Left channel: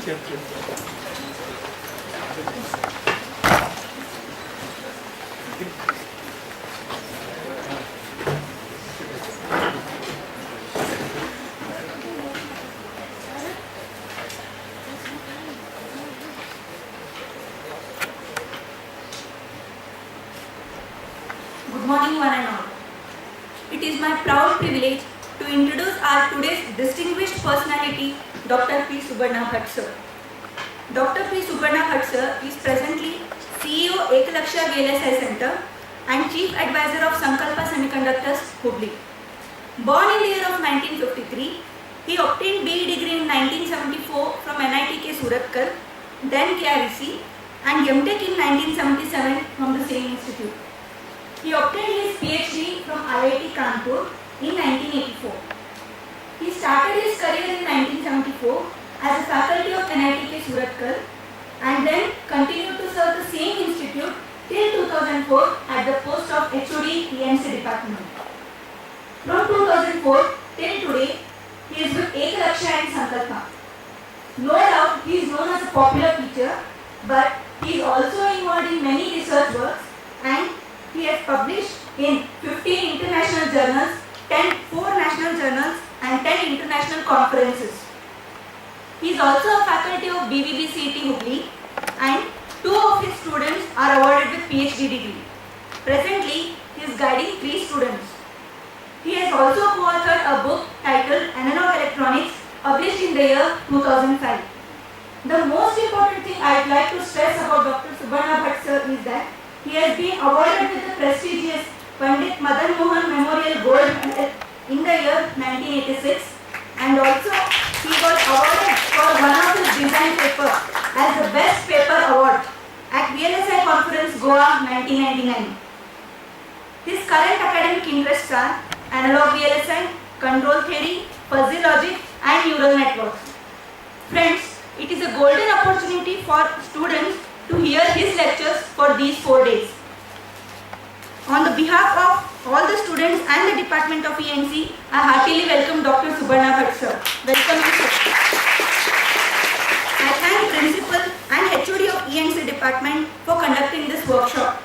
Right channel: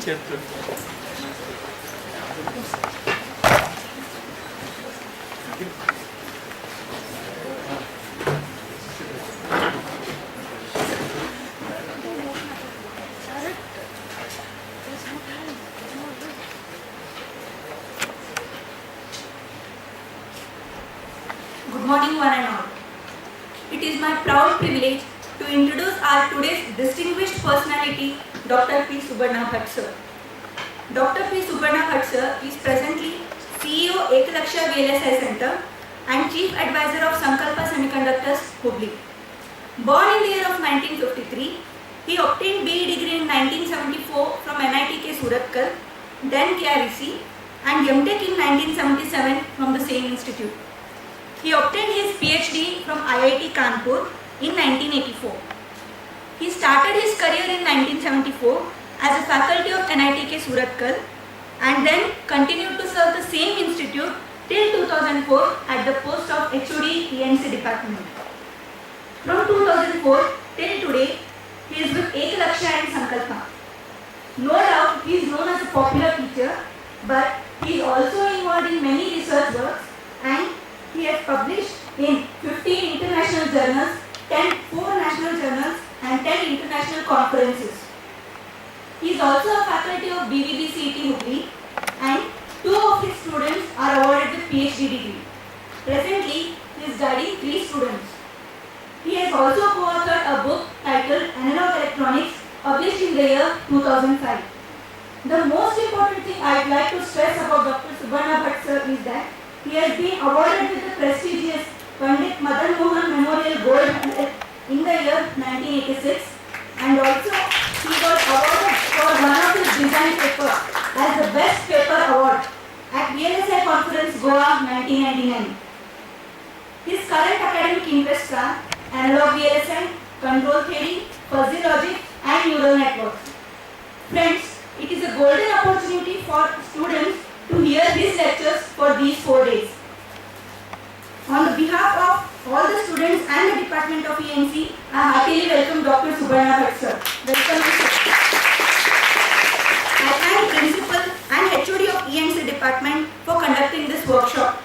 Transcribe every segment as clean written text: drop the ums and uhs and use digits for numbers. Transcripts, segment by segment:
Good morning, one and all. It is my proud privilege to introduce our today's distinguished personality, Dr. P. Subarna Bhatt sir. Dr. P. Subarna Bhatt sir is presently CEO Ekalaksha VLSI Center and Chief Advisor of Sankalpa Semiconductors, Hubli. Born in the year of 1953, he obtained BE degree in 1974 from NITK Surathkal, then KREC, and MTech in 1977 from the same institute. He obtained his PhD from IIT Kanpur in 1984. He started his career in 1974 as a faculty of NITK Surathkal and then continued to serve the same institute till 2004 at the post of HOD ENC department. From 2004 till today, he is with Ekalaksha and Sankalpa. No doubt he is known as a popular teacher, but he is also involved in many research works and he has published in 15 international journals, 4 national journals and 10 international conferences. He is also a faculty of BVB-CET Hubli and 2 of his students are awarded with PhD degree. Presently, he is guiding 3 students. He has also co-authored a book titled Analog Electronics, published in the year 2005. The most important thing I would like to stress about Dr. Subarna Bhatt sir is that he has been awarded with the prestigious Pandit Madan Mohan Memorial Gold Medal in the year 1986 and also he was awarded for one of his design paper as the Best Paper Award at VLSI Conference Goa 1999. His current academic interests are analog VLSI, control theory, fuzzy logic and neural networks. Friends, it is a golden opportunity for students to hear his lectures for these 4 days. On the behalf of all the students and the Department of ENC, I heartily welcome Dr. Subarna Bhatt sir. Welcome to sir. I thank Principal and HOD of ENC Department for conducting this workshop.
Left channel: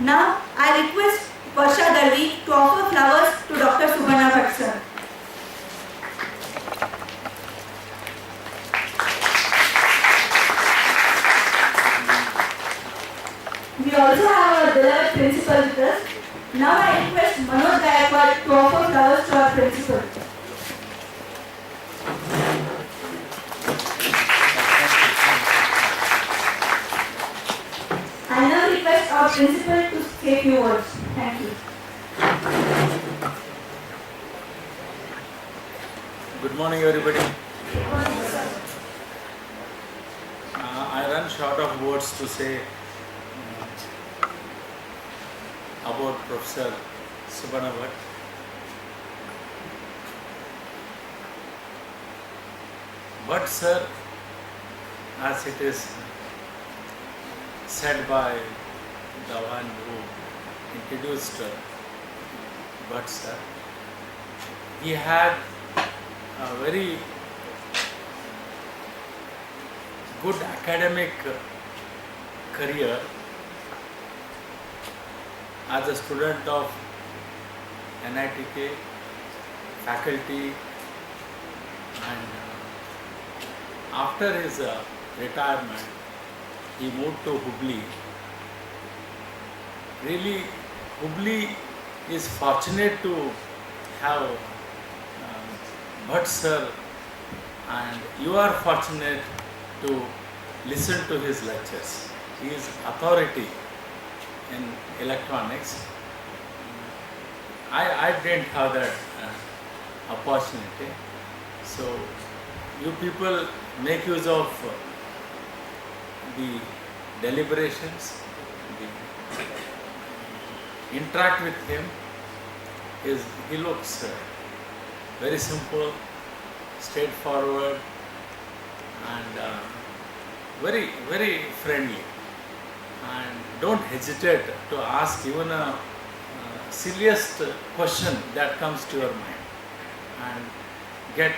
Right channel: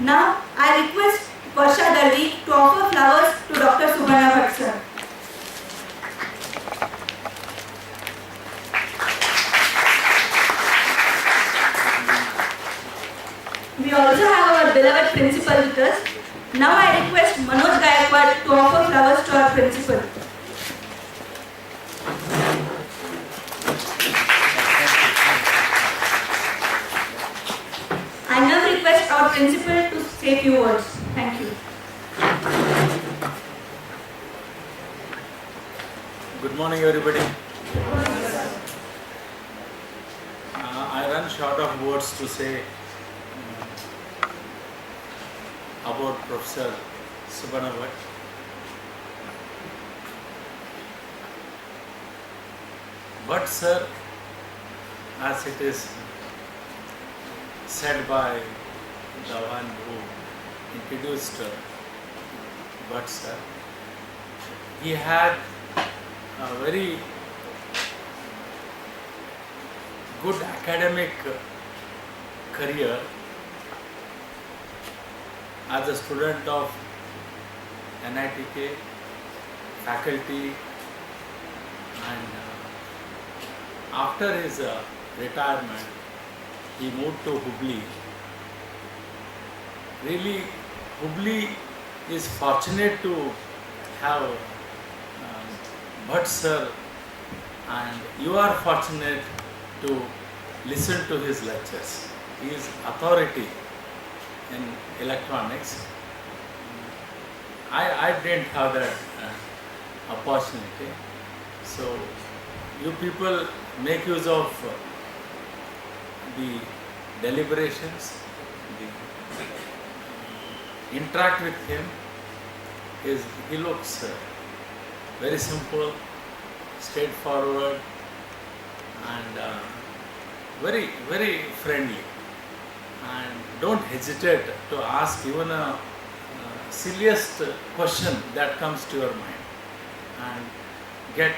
Now, I request Varsha Dalvi to offer flowers to Dr. Subarna Bhatt sir. We also have our beloved principal with us. Now I request Manoj Gaikwad to offer flowers to our principal. I now request our principal to say a few words. Thank you. Good morning, everybody. I run short of words to say about Professor Subarna Bhatt. But sir, as it is said by the one who introduced Bhatt sir, he had a very good academic career as a student of NITK faculty, and after his retirement he moved to Hubli. Really, Hubli is fortunate to have Bhatt sir, and you are fortunate to listen to his lectures. He is authority in electronics. I didn't have that opportunity. So you people make use of the deliberations, interact with him. He looks very simple, straightforward, and very, very friendly. And don't hesitate to ask even a silliest question that comes to your mind, and get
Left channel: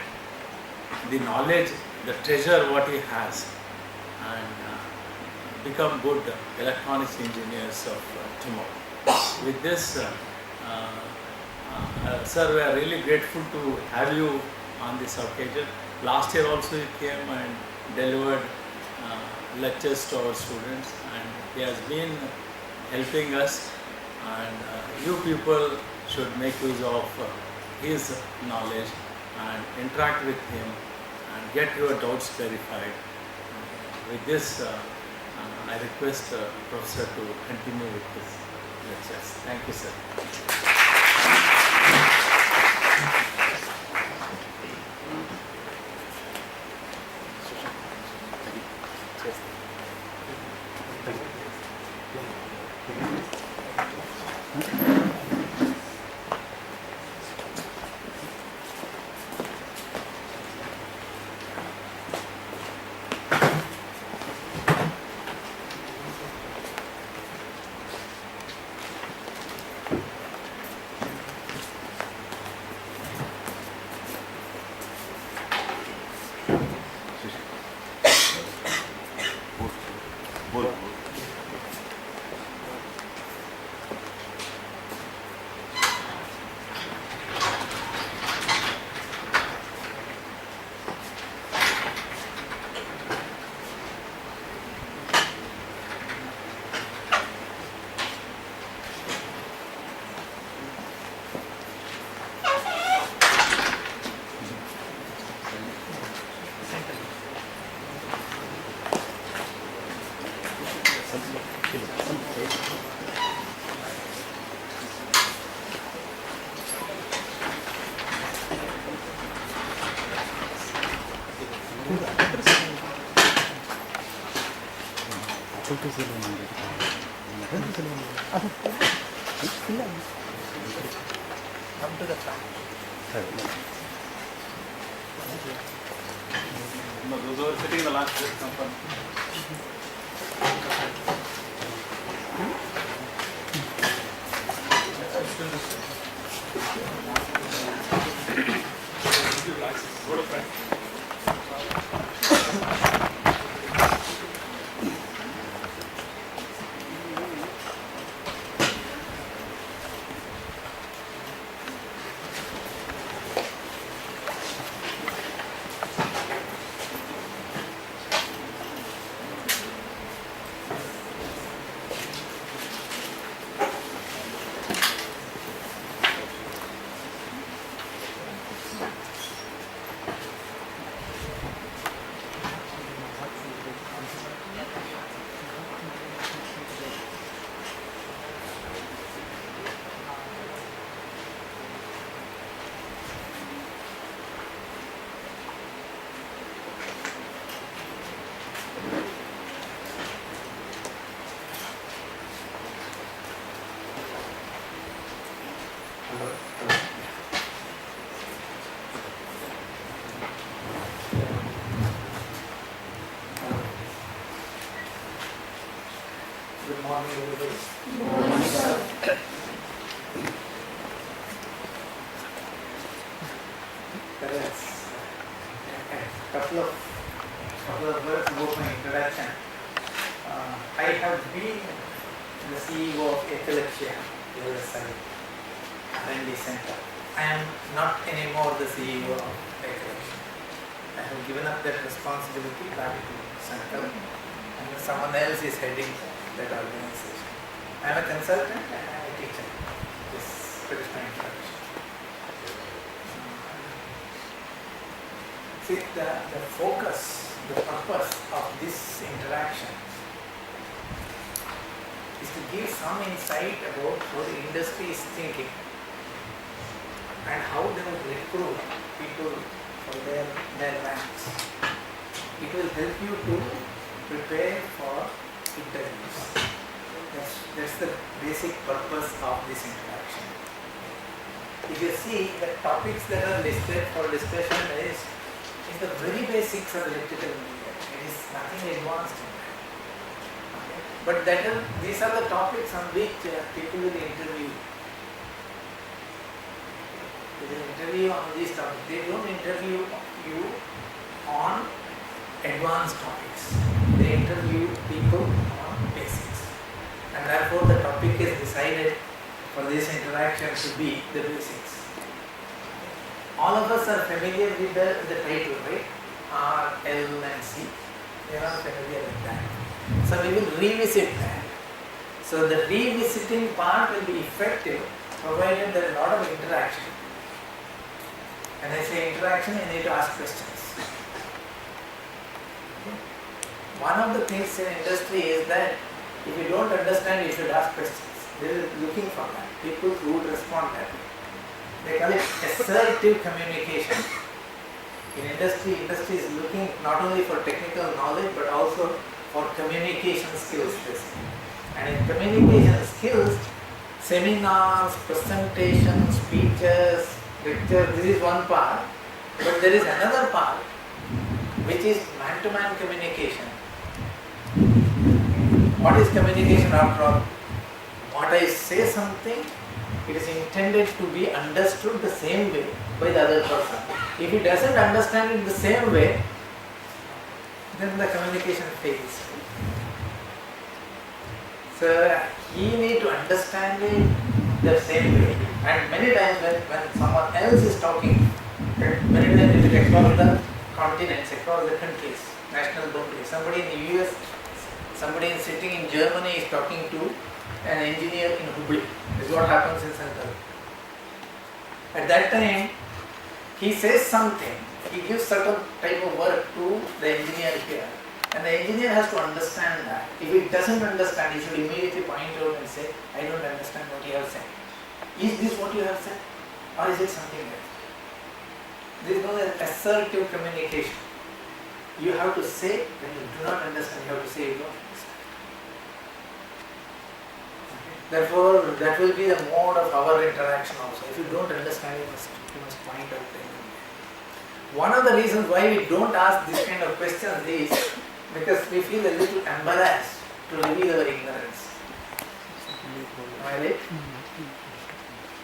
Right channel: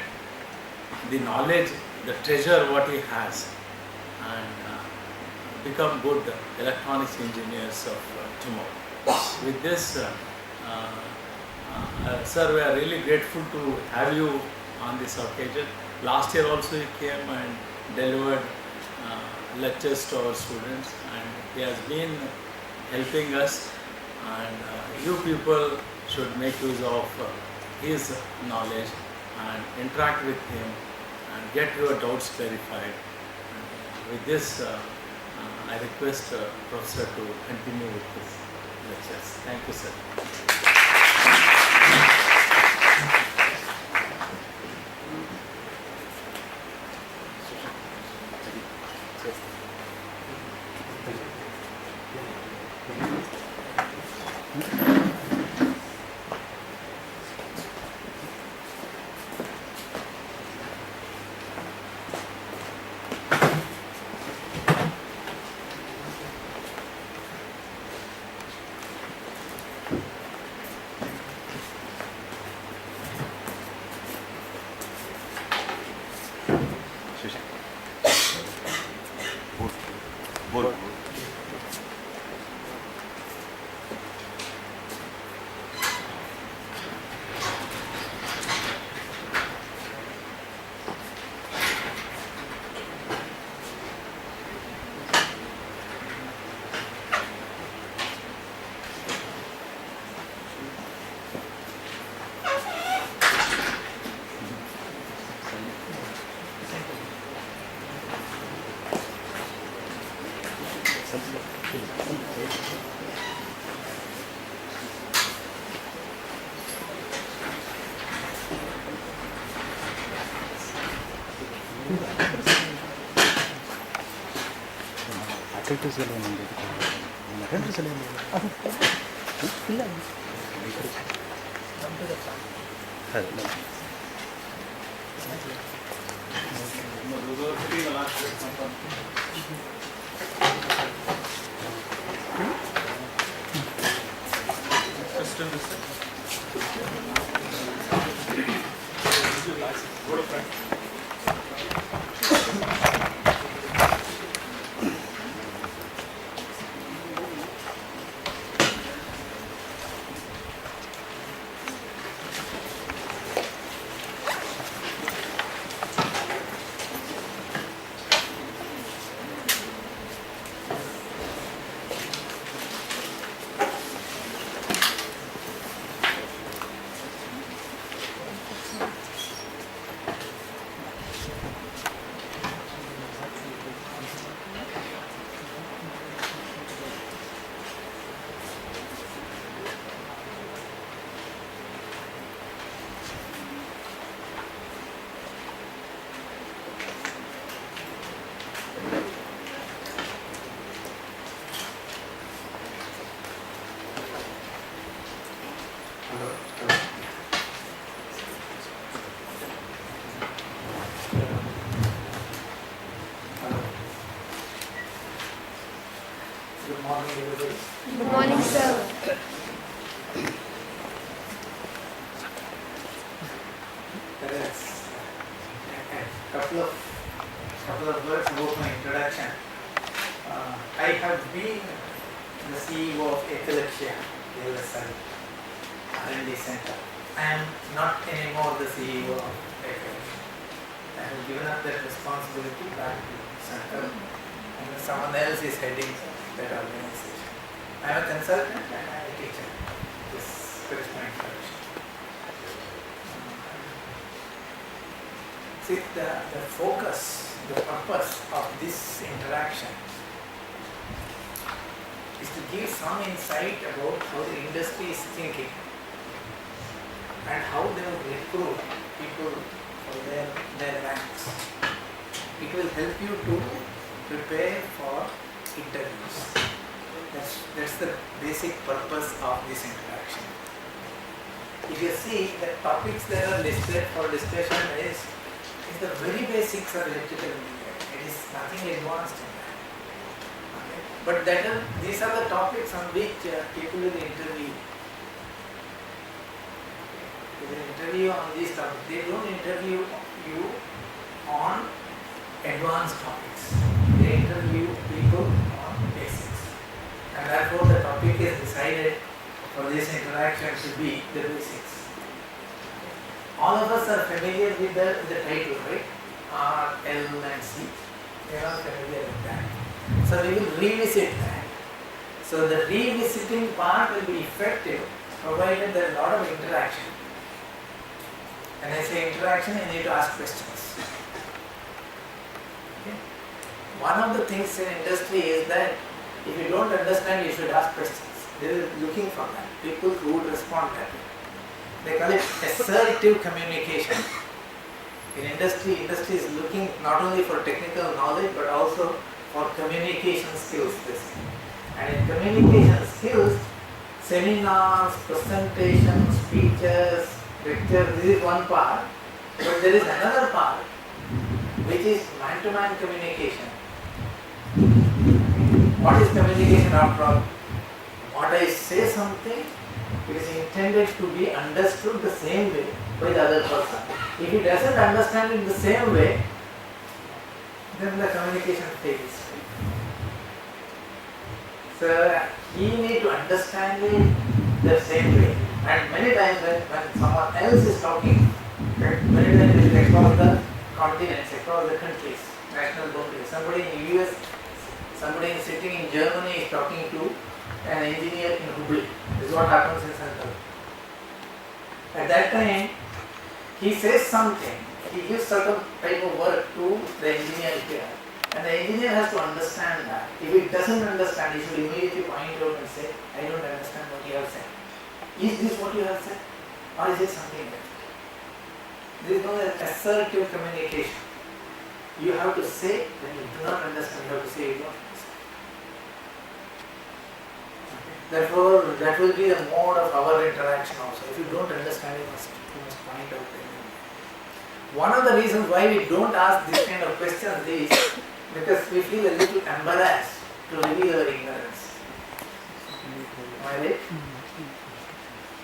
the knowledge, the treasure what he has, and become good electronics engineers of tomorrow. With this, sir, we are really grateful to have you on this occasion. Last year also he came and delivered lectures to our students, and he has been helping us, and you people should make use of his knowledge and interact with him and get your doubts clarified. With this, I request Professor to continue with his lectures. Thank you, sir. Good morning, everybody. Good morning, sir. That's a couple of words about my introduction. I have been the CEO of Ekalaksha LSI R&D Center. I am not anymore the CEO of Ekalaksha. I have given up that responsibility back to Center, and someone else is heading that organization. I am a consultant and I am a teacher. This is my introduction. See, the focus, the purpose of this interaction is to give some insight about how the industry is thinking and how they will recruit people for their ranks. It will help you to prepare for interviews. That's the basic purpose of this interaction. If you see, the topics that are listed for discussion is the very basics of electrical engineering. It is nothing advanced in that. Okay? But these are the topics on which people will interview. They will interview on these topics. They don't interview you on advanced topics. They interview people on basics. And therefore the topic is decided for this interaction to be the basics. All of us are familiar with the title, right? R, L and C. They are familiar with that. So we will revisit that. So the revisiting part will be effective provided there is a lot of interaction. When I say interaction, you need to ask questions. Okay. One of the things in industry is that if you don't understand, you should ask questions. They are looking for that. People who would respond that way. They call it assertive communication. In industry is looking not only for technical knowledge but also for communication skills. And in communication skills, seminars, presentations, speeches, lectures, this is one part. But there is another part which is man-to-man communication. What is communication after all? What I say something, it is intended to be understood the same way by the other person. If he doesn't understand it the same way, then the communication fails. So he needs to understand it the same way. And many times when someone else is talking, many times it is across the continents, across the countries, national boundaries. Somebody in the US, somebody sitting in Germany is talking to an engineer in Hubli. This is what happens in Central. At that time, he says something, he gives certain type of work to the engineer here. And the engineer has to understand that. If he doesn't understand, he should immediately point out and say, I don't understand what you have said. Is this what you have said? Or is it something else? There is no assertive communication. You have to say when you do not understand, you have to say you don't understand. Therefore, that will be the mode of our interaction also. If you don't understand, you must point out them. One of the reasons why we don't ask this kind of questions is because we feel a little embarrassed to reveal our ignorance. Am I right?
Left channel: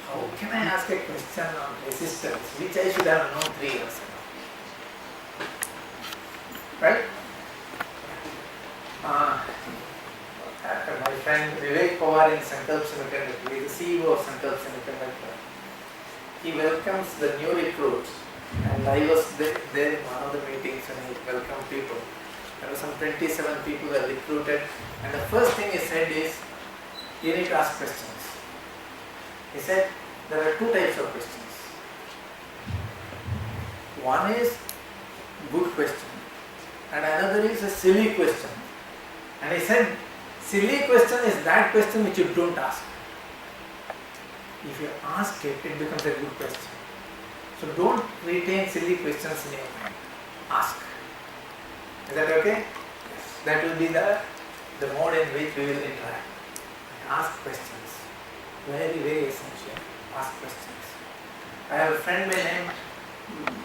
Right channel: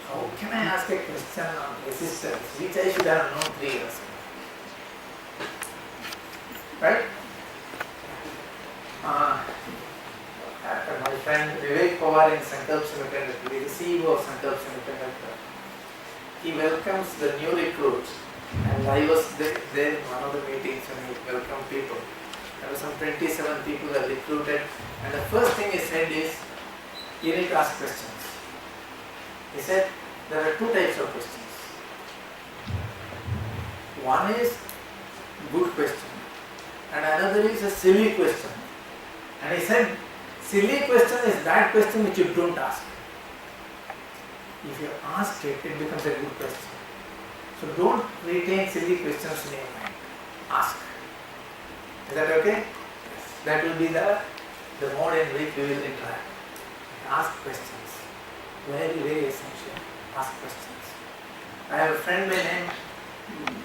How can I ask a question on resistance which I should have known 3 years ago? Right? My friend Vivek Pawar in Sankalp Semiconductor, he is the CEO of Sankalp Semiconductor. He welcomes the new recruits, and I was there in one of the meetings when he welcomed people. There were some 27 people that recruited, and the first thing he said is, you need to ask questions. He said, there are 2 types of questions. One is good question, and another is a silly question. And he said, silly question is that question which you don't ask. If you ask it, it becomes a good question. So don't retain silly questions in your mind. Ask. Is that okay? Yes. That will be the mode in which we will interact. Ask questions. Very, very essential. Ask questions. I have a friend by name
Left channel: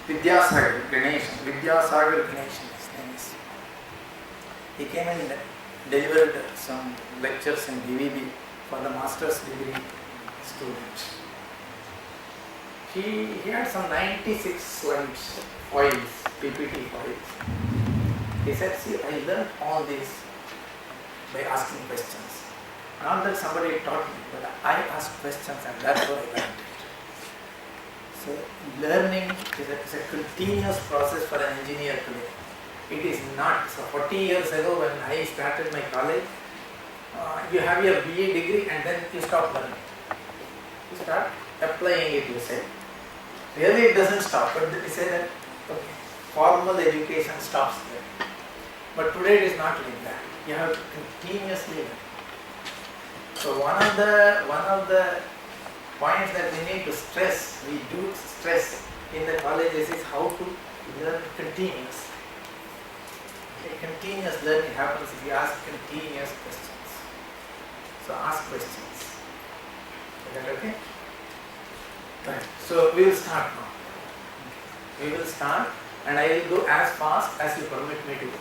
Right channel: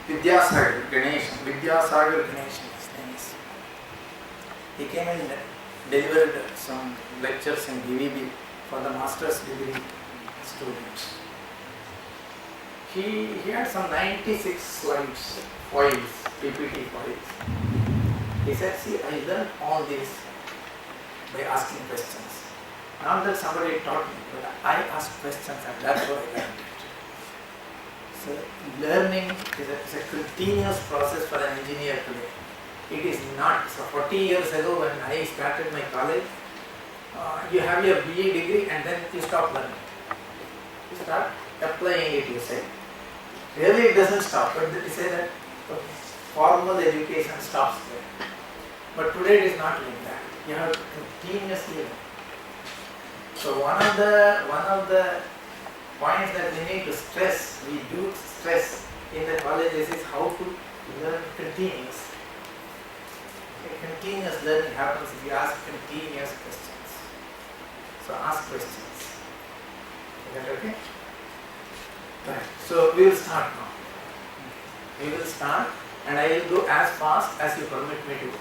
Vidyasagar Ganeshan. Vidyasagar Ganeshan, his name is. He came and delivered some lectures in DVB for the master's degree students. He had some 96 slides, files, PPT files. He said, see, I learned all this by asking questions. Not that somebody taught me, but I asked questions and that's how I learned it. So learning is a continuous process for an engineer today. It is not. So 40 years ago when I started my college, you have your BA degree and then you stop learning. You start applying it, you say. Really it doesn't stop, but they say that okay, formal education stops there. But today it is not like that. You have to continuously learn. So one of the points that we need to stress, we do stress in the colleges is how to learn continuously. Continuous learning happens if you ask continuous questions. So ask questions. Is that okay? Right. So we will start now. We will start and I will go as fast as you permit me to go.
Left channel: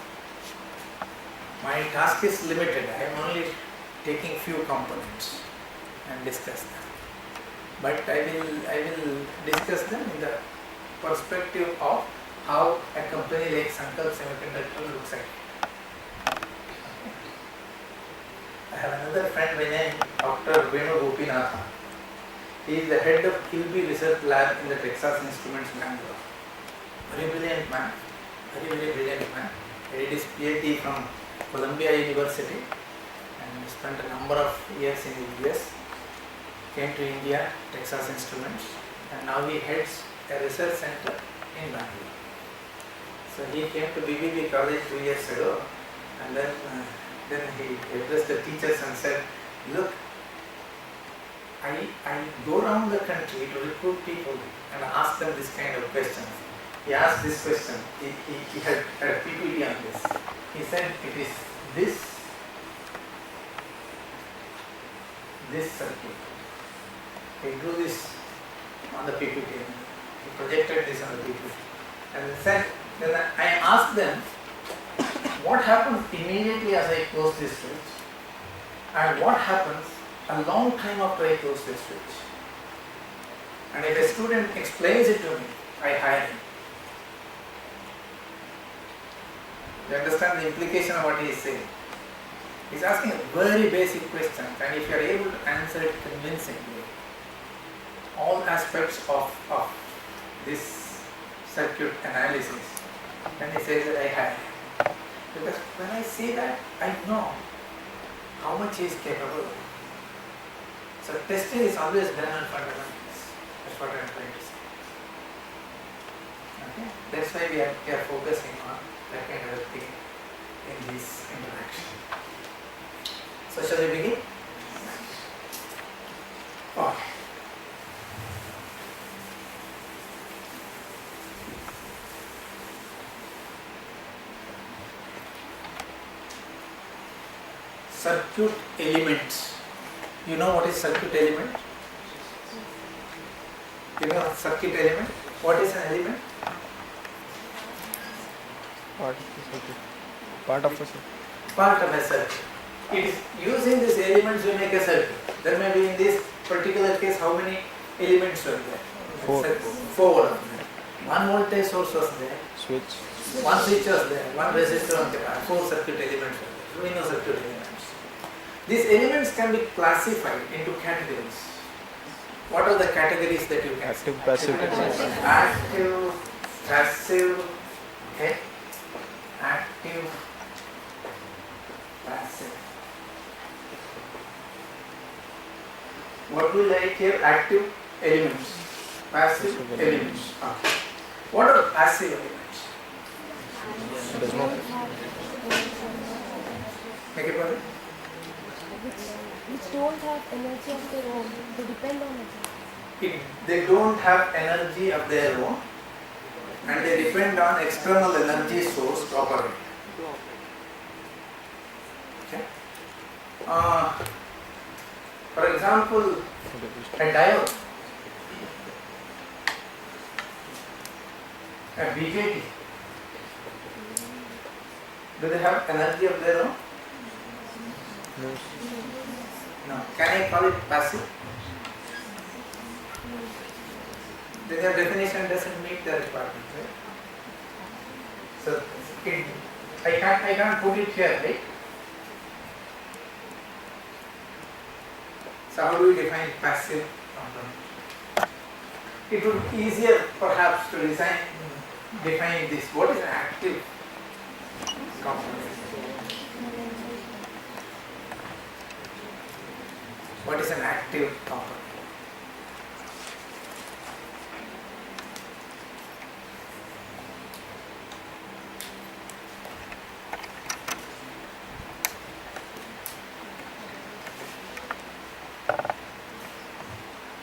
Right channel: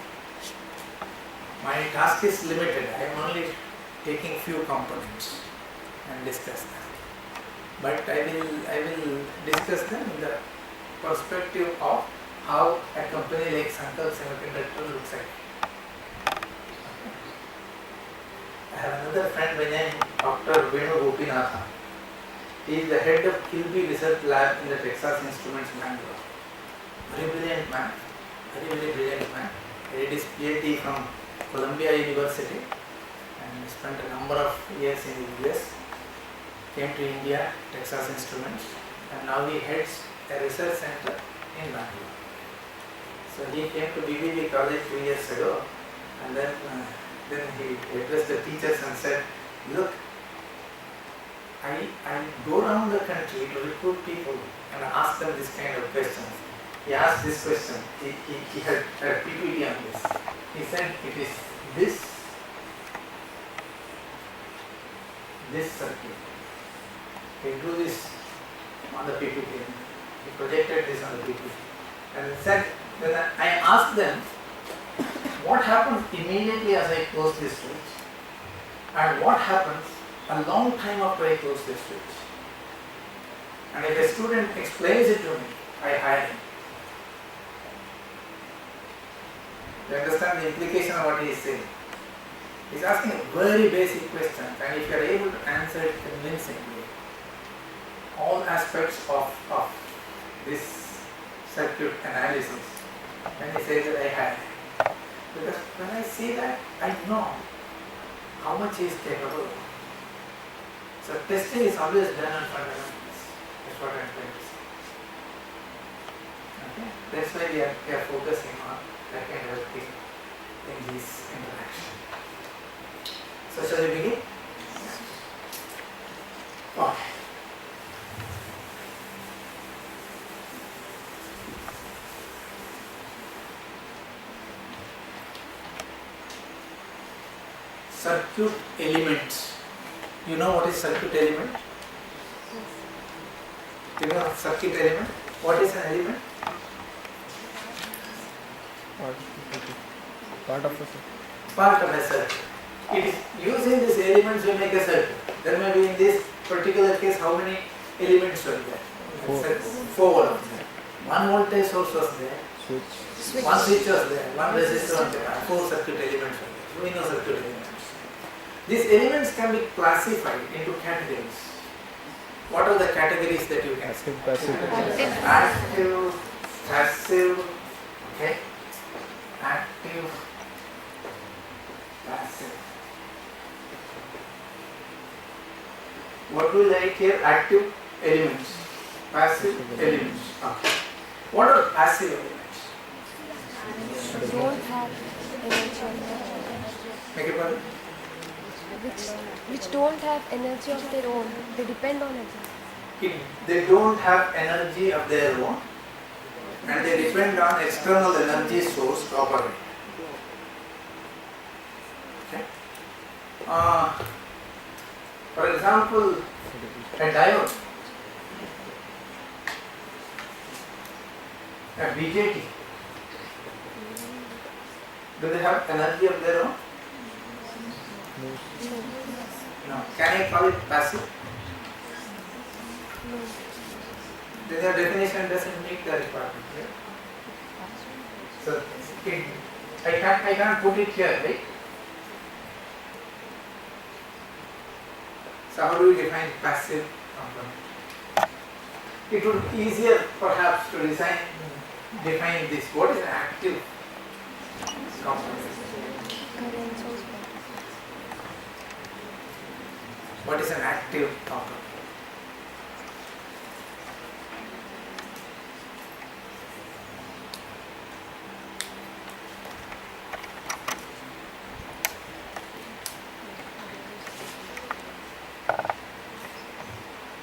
My task is limited. I am only taking few components and discuss them. But I will discuss them in the perspective of how a company like Sankalp Semiconductor looks like. I have another friend by name Dr. Venu Gopinatha. He is the head of Kilby Research Lab in the Texas Instruments, Bangalore. Very brilliant man, very brilliant man. He did his PhD from Columbia University and spent a number of years in the US. Came to India, Texas Instruments, and now he heads a research center in Bangalore. So he came to BBB College 2 years ago, and then he addressed the teachers and said, look, I go around the country to recruit people and ask them this kind of questions. He asked this question, he had a PPT on this. He said it is this circuit. He drew this on the PPT, he projected this on the PPT, and said, then I asked them, what happens immediately as I close this switch, and what happens a long time after I close this switch? And if a student explains it to me, I hire him. You understand the implication of what he is saying? He is asking a very basic question, and if you are able to answer it convincingly, all aspects of this circuit analysis, then he says that I hire him. Because when I say that, I know how much he is capable of. So testing is always done on fundamentals. That's what I am trying to say. Okay? That's why we are focusing on that kind of thing in this interaction. So shall we begin? Okay. Circuit elements. You know what is circuit element? Do you know circuit element? What is an element? Part of a circuit. Part of a circuit. It is using these elements to make a circuit. There may be in this particular case how many elements were there? 4 of them. One voltage source was there. Switch. One switch was there. One resistor was there. 4 circuit elements were there. So we know circuit elements. These elements can be classified into categories. What are the categories that you can Active, passive. Active, passive, okay. Active, passive. What we like here? Active elements, passive elements. Okay. What are passive elements? Make it better. Which don't have energy of their own. They depend on it. They don't have energy of their own, and they depend on external energy source to operate. Okay. For example, a diode, a BJT. Do they have energy of their own? No. Can I call it passive? Then your definition doesn't meet the requirement, right? So I can't put it here, right? So how do we define passive component? It would be easier perhaps to define this. What is an active component? What is an active component?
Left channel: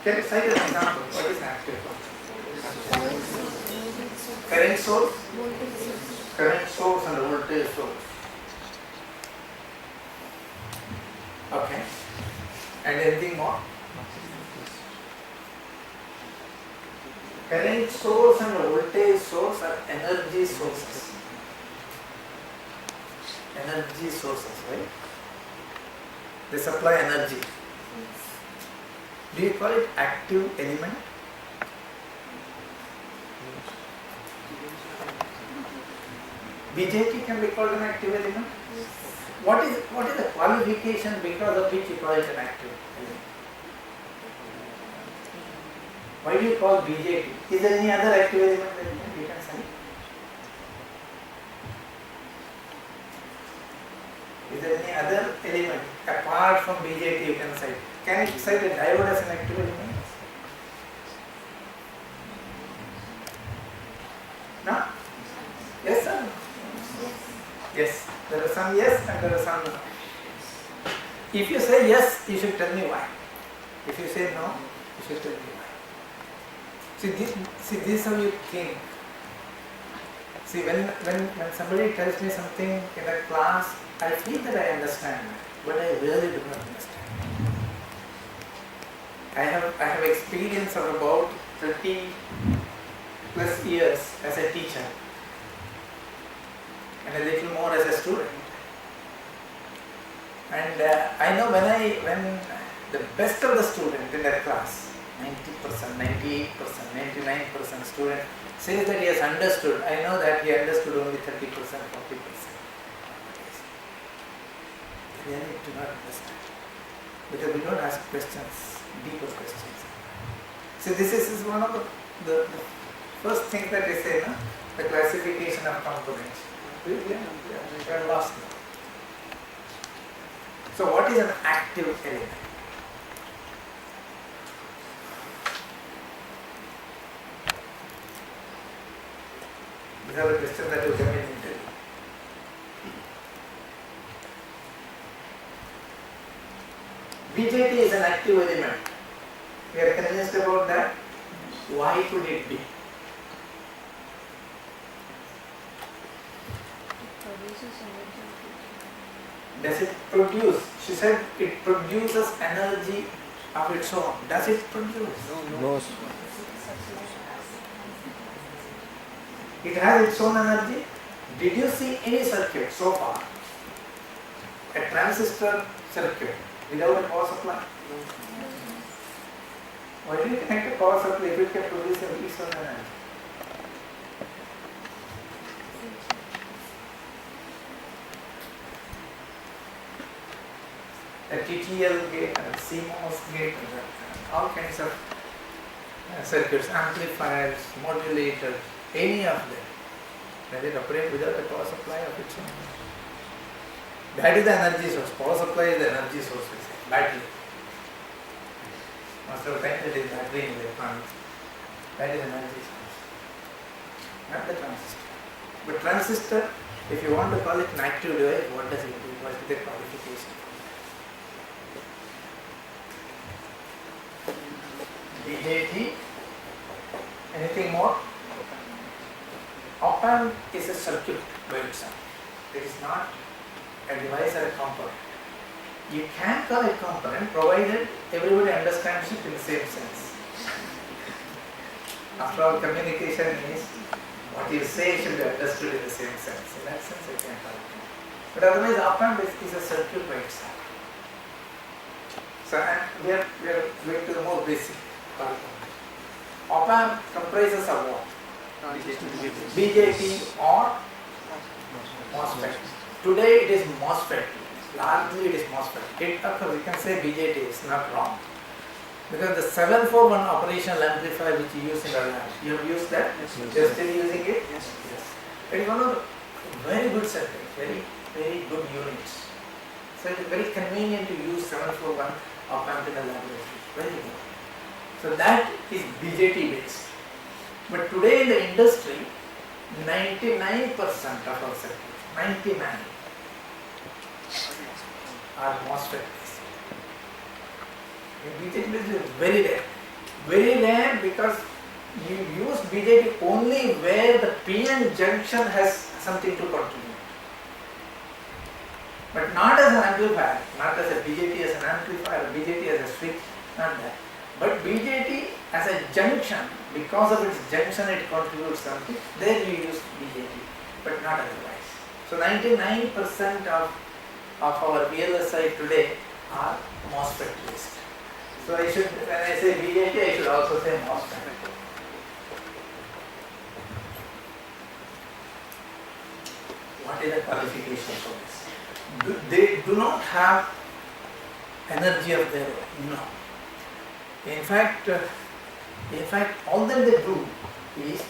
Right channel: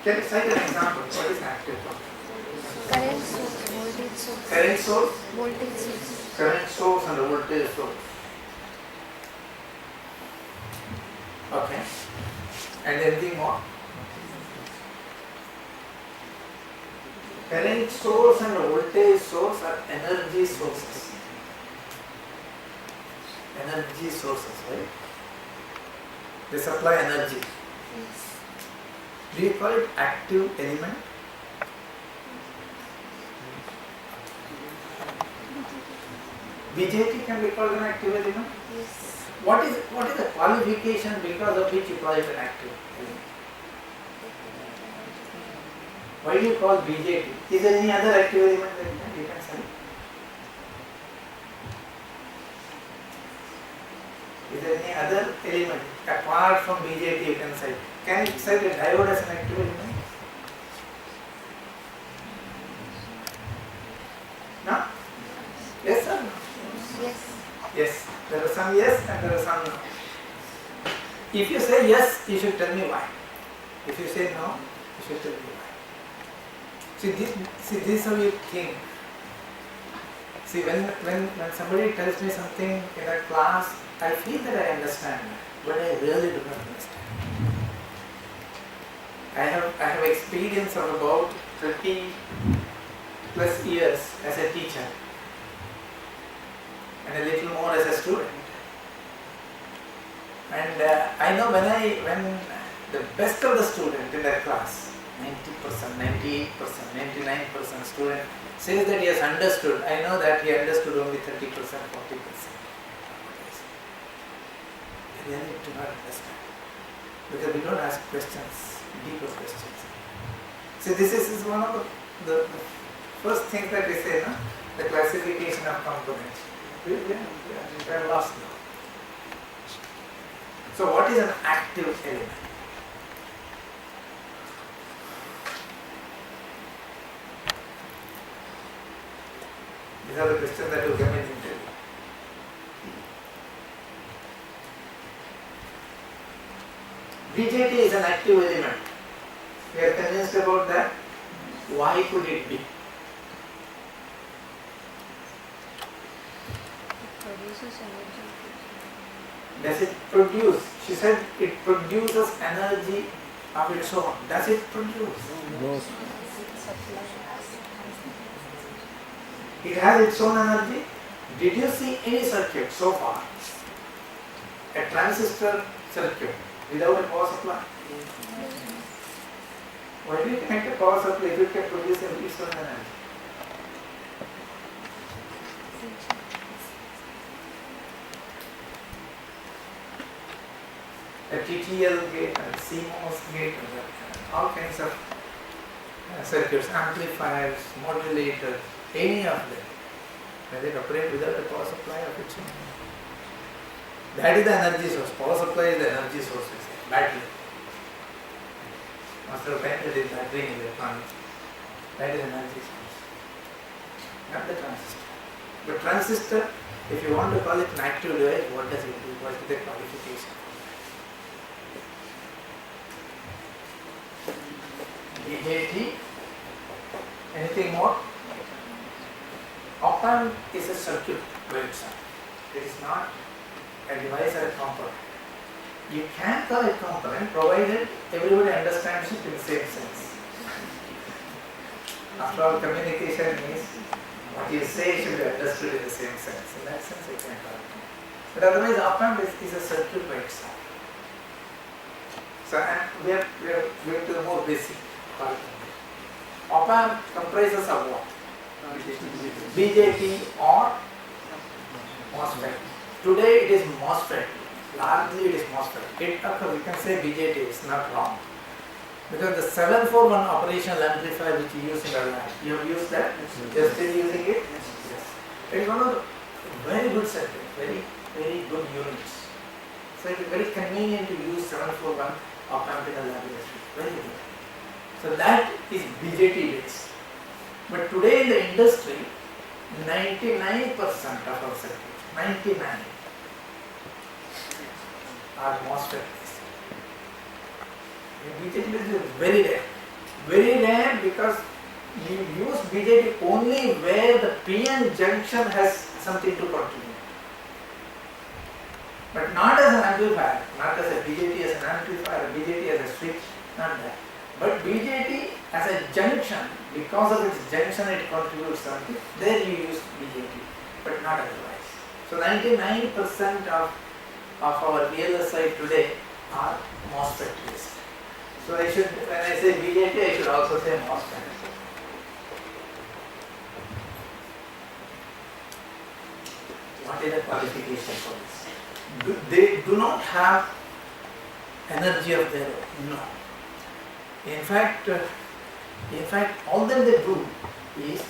Can you cite an example? What is an active component? Current source, voltage source, Current source, voltage source. current source and voltage source. Okay. And anything more? Current source and voltage source are energy sources. Energy sources, right? They supply energy. Do you call it active element? BJT can be called an active element? What is the qualification because of which you call it an active element? Why do you call BJT? Is there any other active element that you can say? Is there any other element apart from BJT you can cite? Can you cite a diode as an active element? No? Yes or no? Yes. Yes. There are some yes and there are some no. If you say yes, you should tell me why. If you say no, you should tell me why. See, this is how you think. See, when somebody tells me something in a class, I feel that I understand, but I really do not understand. I have experience of about 30 plus years as a teacher and a little more as a student. And I know when the best of the student in that class, 90%, 98%, 99% student says that he has understood, I know that he understood only 30%, 40%. They really do not understand. Because we don't ask questions, deeper questions. See, this is one of the first things that we say, no? The classification of components. We are lost now. So what is an active element? These are the questions that will come in interview. BJT is an active element. We are convinced about that. Why could it be? Produces energy. Does it produce? She said it produces energy of its own. Does it produce? No. It has its own energy. Did you see any circuit so far? A transistor circuit without a power supply? Why do you connect a power supply if it can produce its own energy? A TTL gate, a CMOS gate, all kinds of circuits, amplifiers, modulators, any of them. Does it operate without a power supply of its own? That is the energy source. Power supply is the energy source, we say. Battery. Most of the time it is battery in electronics. That is energy source. Not the transistor. But transistor, if you want to call it an active device, what does it do? What is the qualification? BJT. Anything more? Op-amp is a circuit by itself. It is not a device or a component. You can call it component provided everybody understands it in the same sense. After all, communication means what you say should be understood in the same sense. In that sense, I can call it component. But otherwise, op-amp is a circuit by itself. So, and we are going to the more basic part of it. Op-amp comprises of what? BJT or MOSFET. Today it is MOSFET. Largely it is MOSFET. Of course, we can say BJT is not wrong. Because the 741 operational amplifier which you use in the lab, you have used that? You are still using it? Yes. It is one of the very good circuits, very good units. So it is very convenient to use 741 op-amp in the laboratory. Very good. So that is BJT based. But today in the industry, 99% of our circuits, 99 are MOSFET based. BJT based is very rare. Very rare because you use BJT only where the PN junction has something to contribute. But not as an amplifier, not as a BJT as an amplifier, BJT as a switch, not that. But BJT as a junction, because of its junction it contributes something, there you use BJT, but not otherwise. So 99% of our VLSI today are MOSFET based. So I should, when I say BJT, I should also say MOSFET. What is the qualification for this? They do not have energy of their own. No. In fact, all that they do is,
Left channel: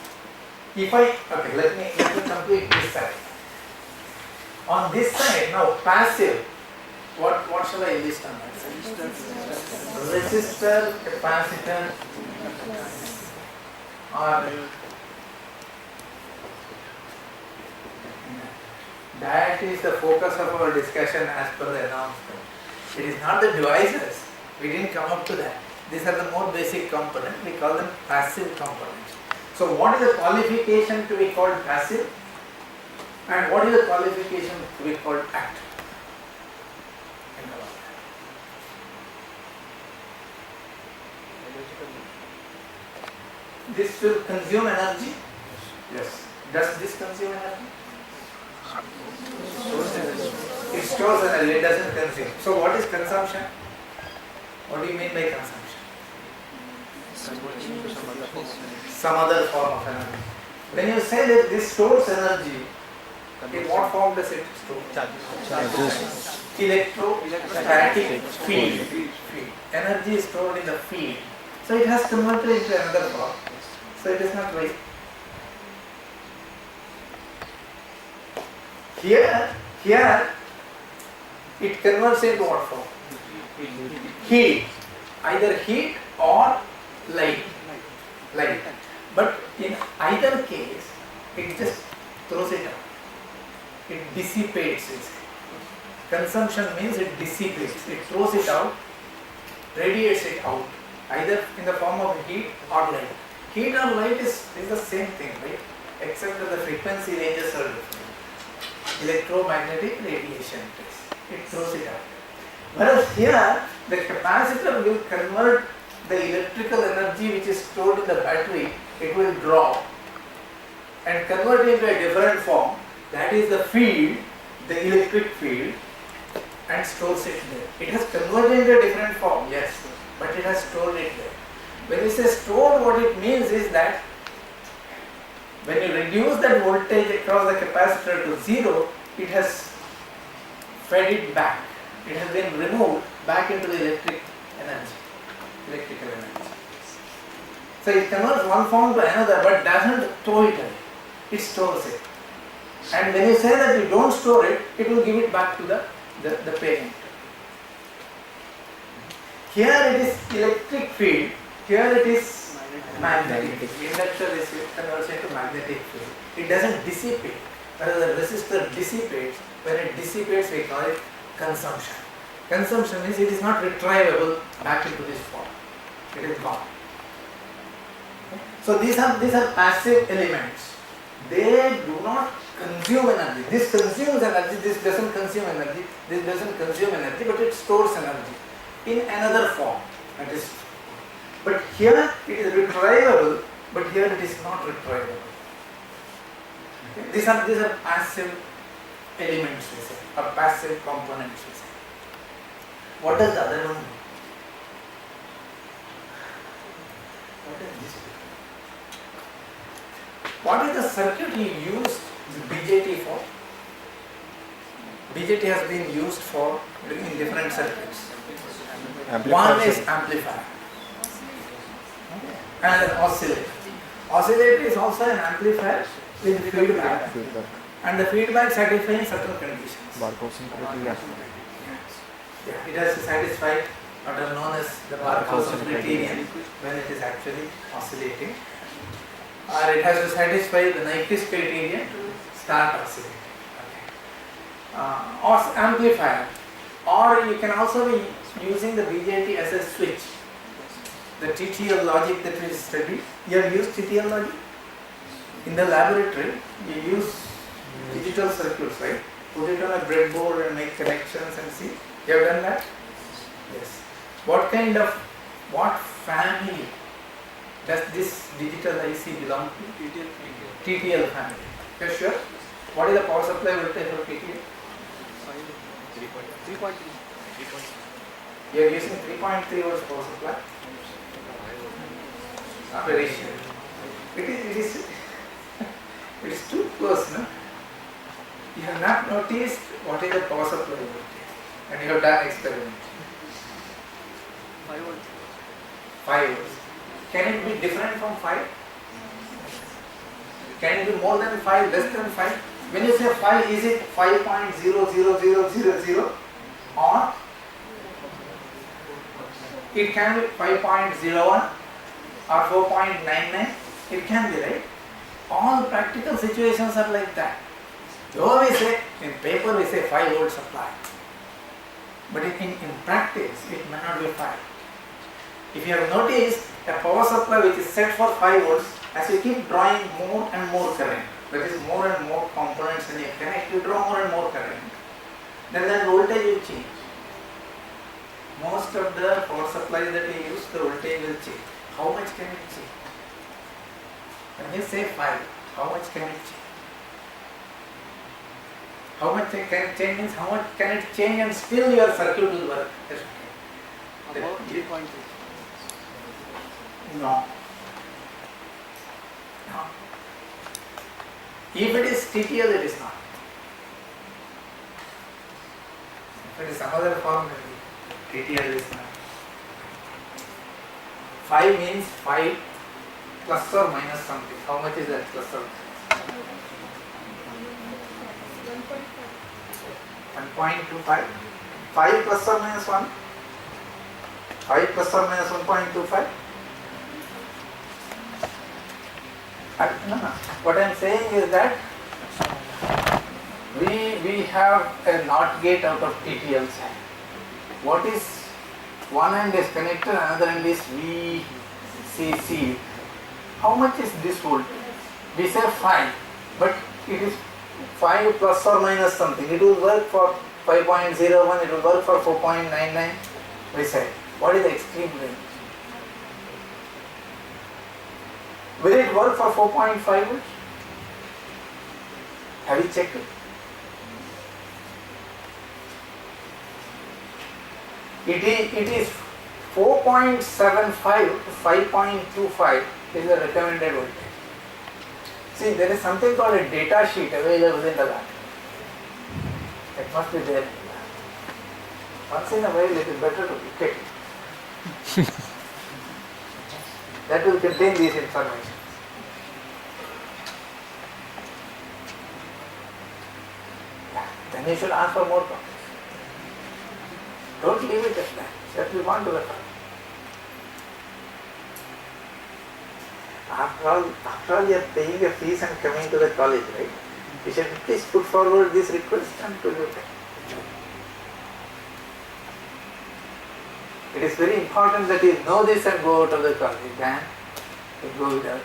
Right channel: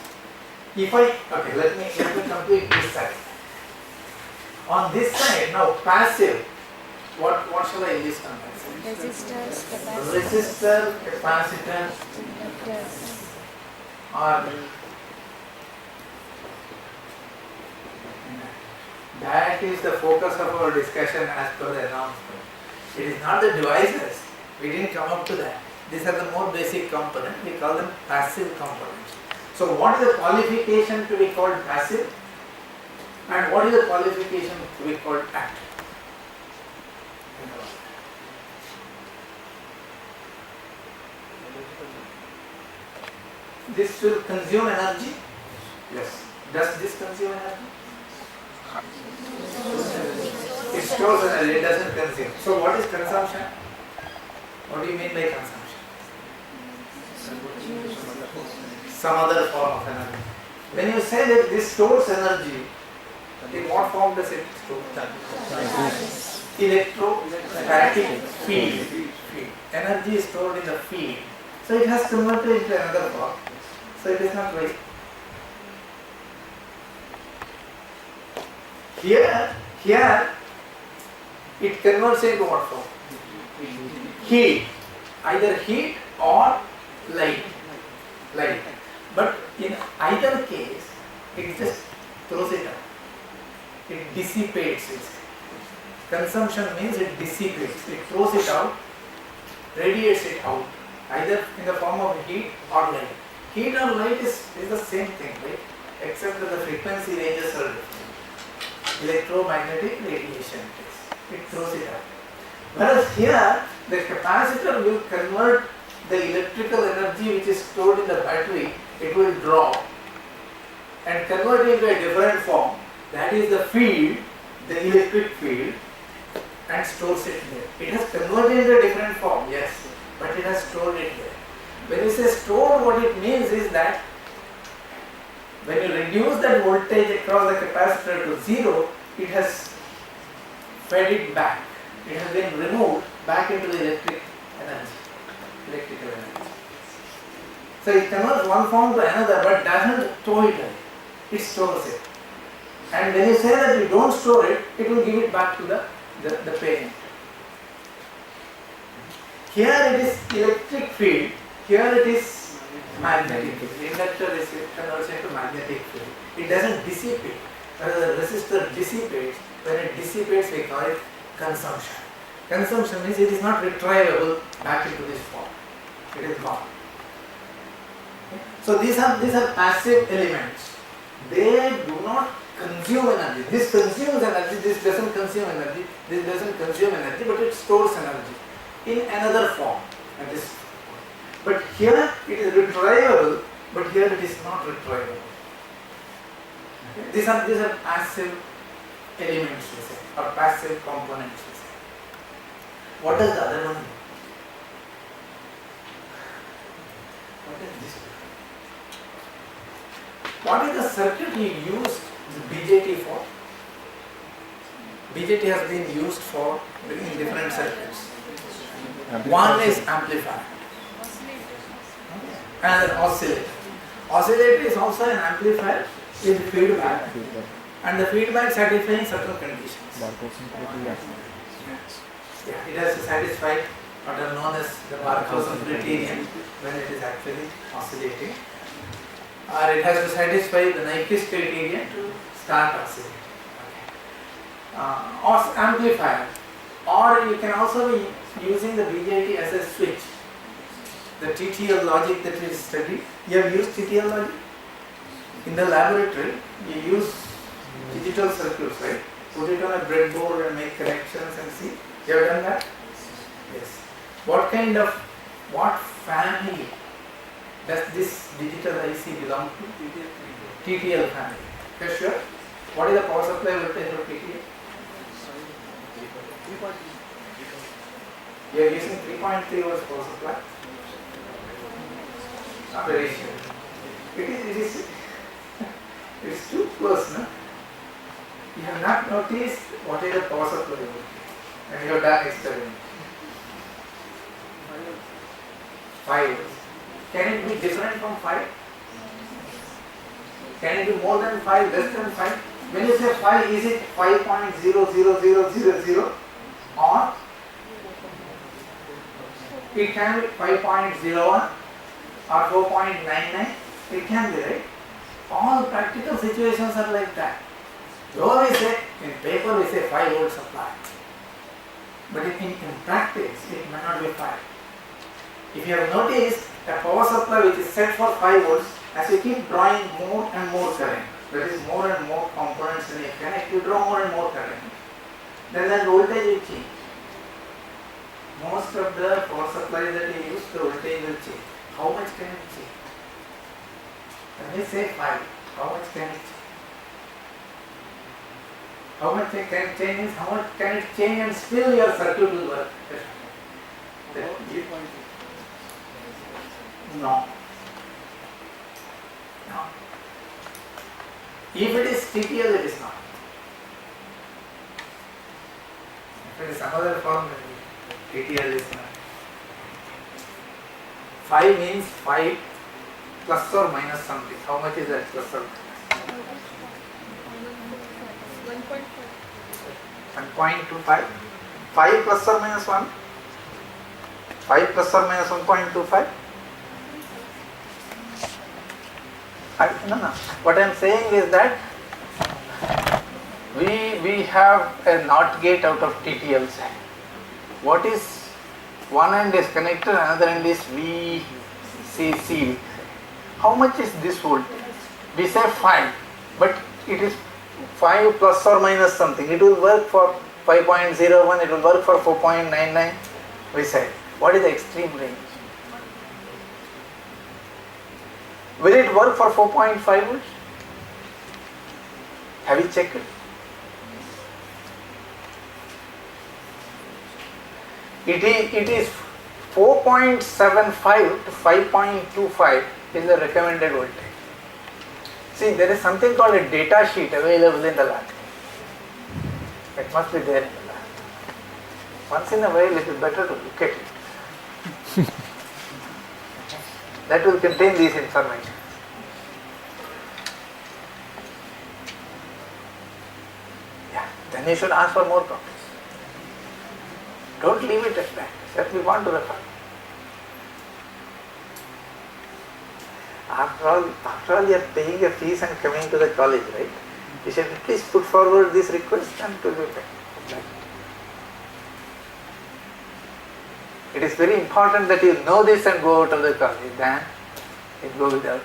let me complete this side. On this side, now passive, what shall I list on my side? Resistor, capacitor, or that is the focus of our discussion as per the announcement. It is not the devices. We didn't come up to that. These are the more basic components. We call them passive components. So what is the qualification to be called passive? And what is the qualification to be called active? This will consume energy? Yes. Does this consume energy? It stores energy, it doesn't consume. So what is consumption? What do you mean by consumption? Some other form of energy. When you say that this stores energy, in what form does it store? Electrostatic field. Energy is stored in the field. So it has converted into another form. So it is not right. Here it converts into what form? Heat. Either heat or light. But in either case, it just throws it out. It dissipates it. Consumption means it dissipates. It throws it out, radiates it out, either in the form of heat or light. Heat or light is the same thing, right? Except that the frequency ranges are different. Electromagnetic radiation test. It throws it out. Whereas here, the capacitor will convert the electrical energy which is stored in the battery, it will draw and convert it into a different form. That is the field, the electric field, and stores it there. It has converted into a different form, yes, but it has stored it there. When you say stored, what it means is that when you reduce that voltage across the capacitor to zero, it has fed it back. It has been removed back into the electrical energy. So it converts one form to another, but doesn't throw it away. It stores it. And when you say that you don't store it, it will give it back to the parent. Here it is electric field, here it is magnetic field. The inductor is converts into magnetic field. It doesn't dissipate. Whereas the resistor dissipates. When it dissipates, we call it consumption. Consumption means it is not retrievable back into this form. It is gone. Okay? So these are passive elements. They do not consume energy. This consumes energy, this doesn't consume energy, this doesn't consume energy, but it stores energy in another form. But here it is retrievable, but here it is not retrievable. Okay? These are passive elements, we say, or passive components, we say. What does the other one do? What is this? What is the circuit you used the BJT for? BJT has been used for in different circuits. One is amplifier. And an oscillator. Oscillator is also an amplifier with feedback. And the feedback satisfying certain conditions. Yeah, it has to satisfy what are known as the Barkhausen criterion when it is actually oscillating. Or it has to satisfy the Nyquist criterion to start oscillating. Okay. Or amplifier. Or you can also be using the BJT as a switch. The TTL logic that we studied. You have used TTL logic? In the laboratory, you use digital circuits, right? Put it on a breadboard and make connections and see. You have done that? Yes. What family does this digital IC belong to? TTL family. You are sure? What is the power supply voltage for TTL? 3.3. You are using 3.3 volts power supply? Not very sure. It is too close, no? Yeah. have noticed what is the power supply voltage and you have done experiment. 5 volts. Can it be different from 5? Can it be more than 5, less than 5? When you say 5, is it 5.00000 or it can be 5.01 or 4.99? It can be, right? All practical situations are like that. Though we say, in paper we say 5 volt supply, but in practice it may not be 5. If you have noticed, a power supply which is set for 5 volts, as you keep drawing more and more current, that is more and more components in a connect, you draw more and more current, then the voltage will change. Most of the power supplies that you use, the voltage will change. How much can it change? When you say 5, how much can it change? How much can it change means how much can it change and still your circuit will work? About 3.2. No. No. If it is TTL, it is not. If it is some other form, TTL is not. 5 means 5 plus or minus something. How much is that plus or minus? 1.25. 5 plus or minus 1? 5 plus or minus 1.25? No. What I am saying is that we have a NOT gate out of TTL side. What is one end is connected, another end is VCC. How much is this voltage? We say 5, but it is 5 plus or minus something. It will work for 5.01, it will work for 4.99. We say, what is the extreme range? Will it work for 4.5 volts? Have you checked it? It is 4.75 to 5.25 is the recommended voltage. See, there is something called a data sheet available in the lab. It must be there in the lab. Once in a while it is better to look at it. That will contain these information. Yeah, then you should ask for more copies. Don't leave it at that. Just move on to the file. After all, you are paying a fees and coming to the college, right? You should at least put forward this request and to do that. It is very important that you know this and go out of the college, then you go without.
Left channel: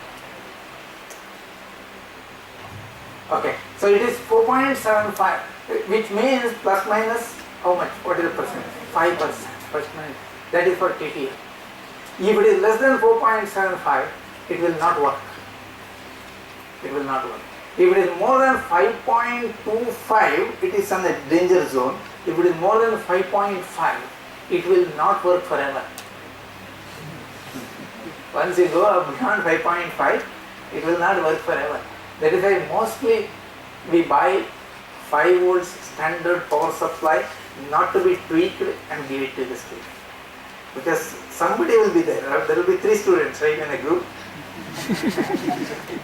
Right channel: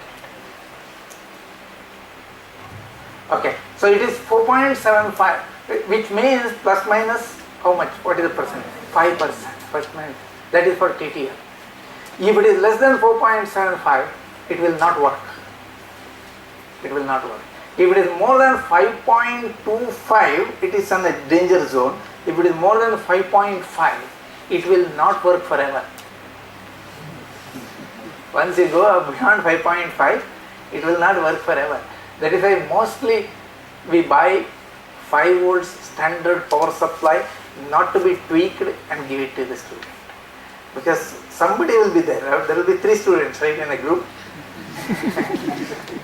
Okay, so it is 4.75, which means plus minus how much? What is the percent? 5%. Plus minus. That is for TTL. If it is less than 4.75, it will not work. It will not work. If it is more than 5.25, it is on the danger zone. If it is more than 5.5, it will not work forever. Once you go up beyond 5.5, it will not work forever. That is why mostly we buy 5 volts standard power supply, not to be tweaked and give it to the student. Because somebody will be there. There will be 3 students, right, in a group.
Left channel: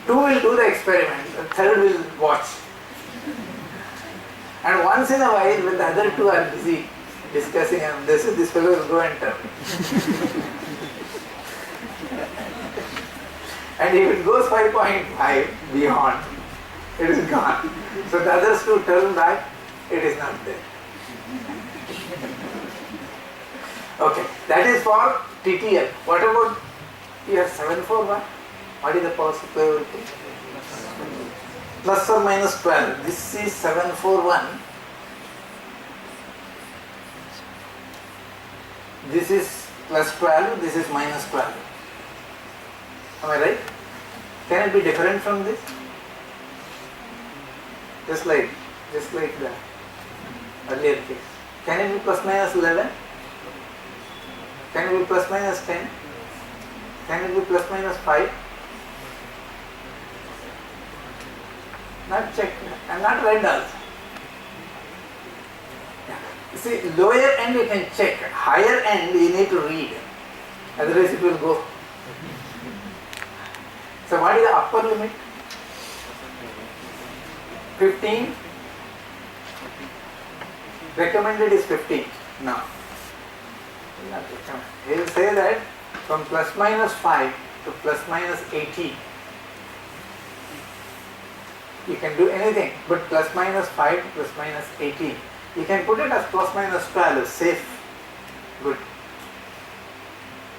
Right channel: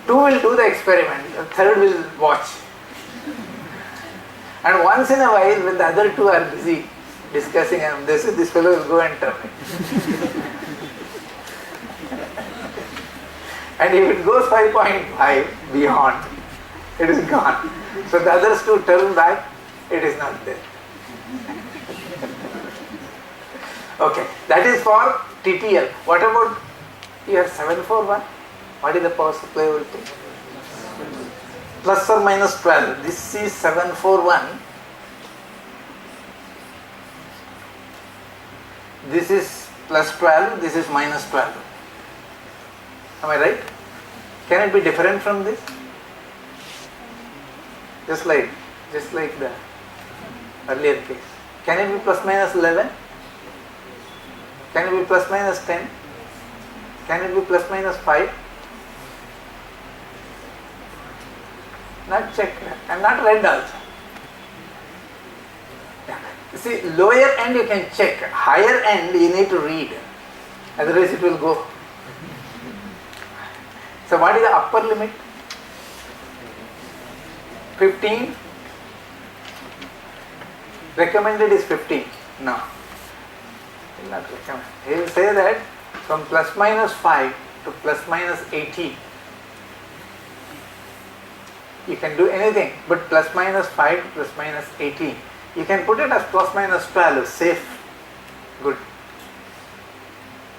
2 will do the experiment, the 3rd will watch. And once in a while, when the other 2 are busy discussing, and this fellow will go and turn it. And if it goes 5.5 beyond, it is gone. So the others to turn back, it is not there. Okay, that is for TTL. What about here 741? What is the power supply voltage? Plus or minus 12. This is 741. This is plus 12, this is minus 12. Am I right? Can it be different from this? Just like the earlier case. Can it be plus minus 11? Can it be plus minus 10? Can it be plus minus 5? Not checked and not read also. See, lower end you can check, higher end you need to read, otherwise it will go. So what is the upper limit? 15. Recommended is 15. No. Will not recommend. He will say that from plus minus 5 to plus minus 18. You can do anything, but plus minus 5 to plus minus 18. You can put it as plus minus 12, safe, good.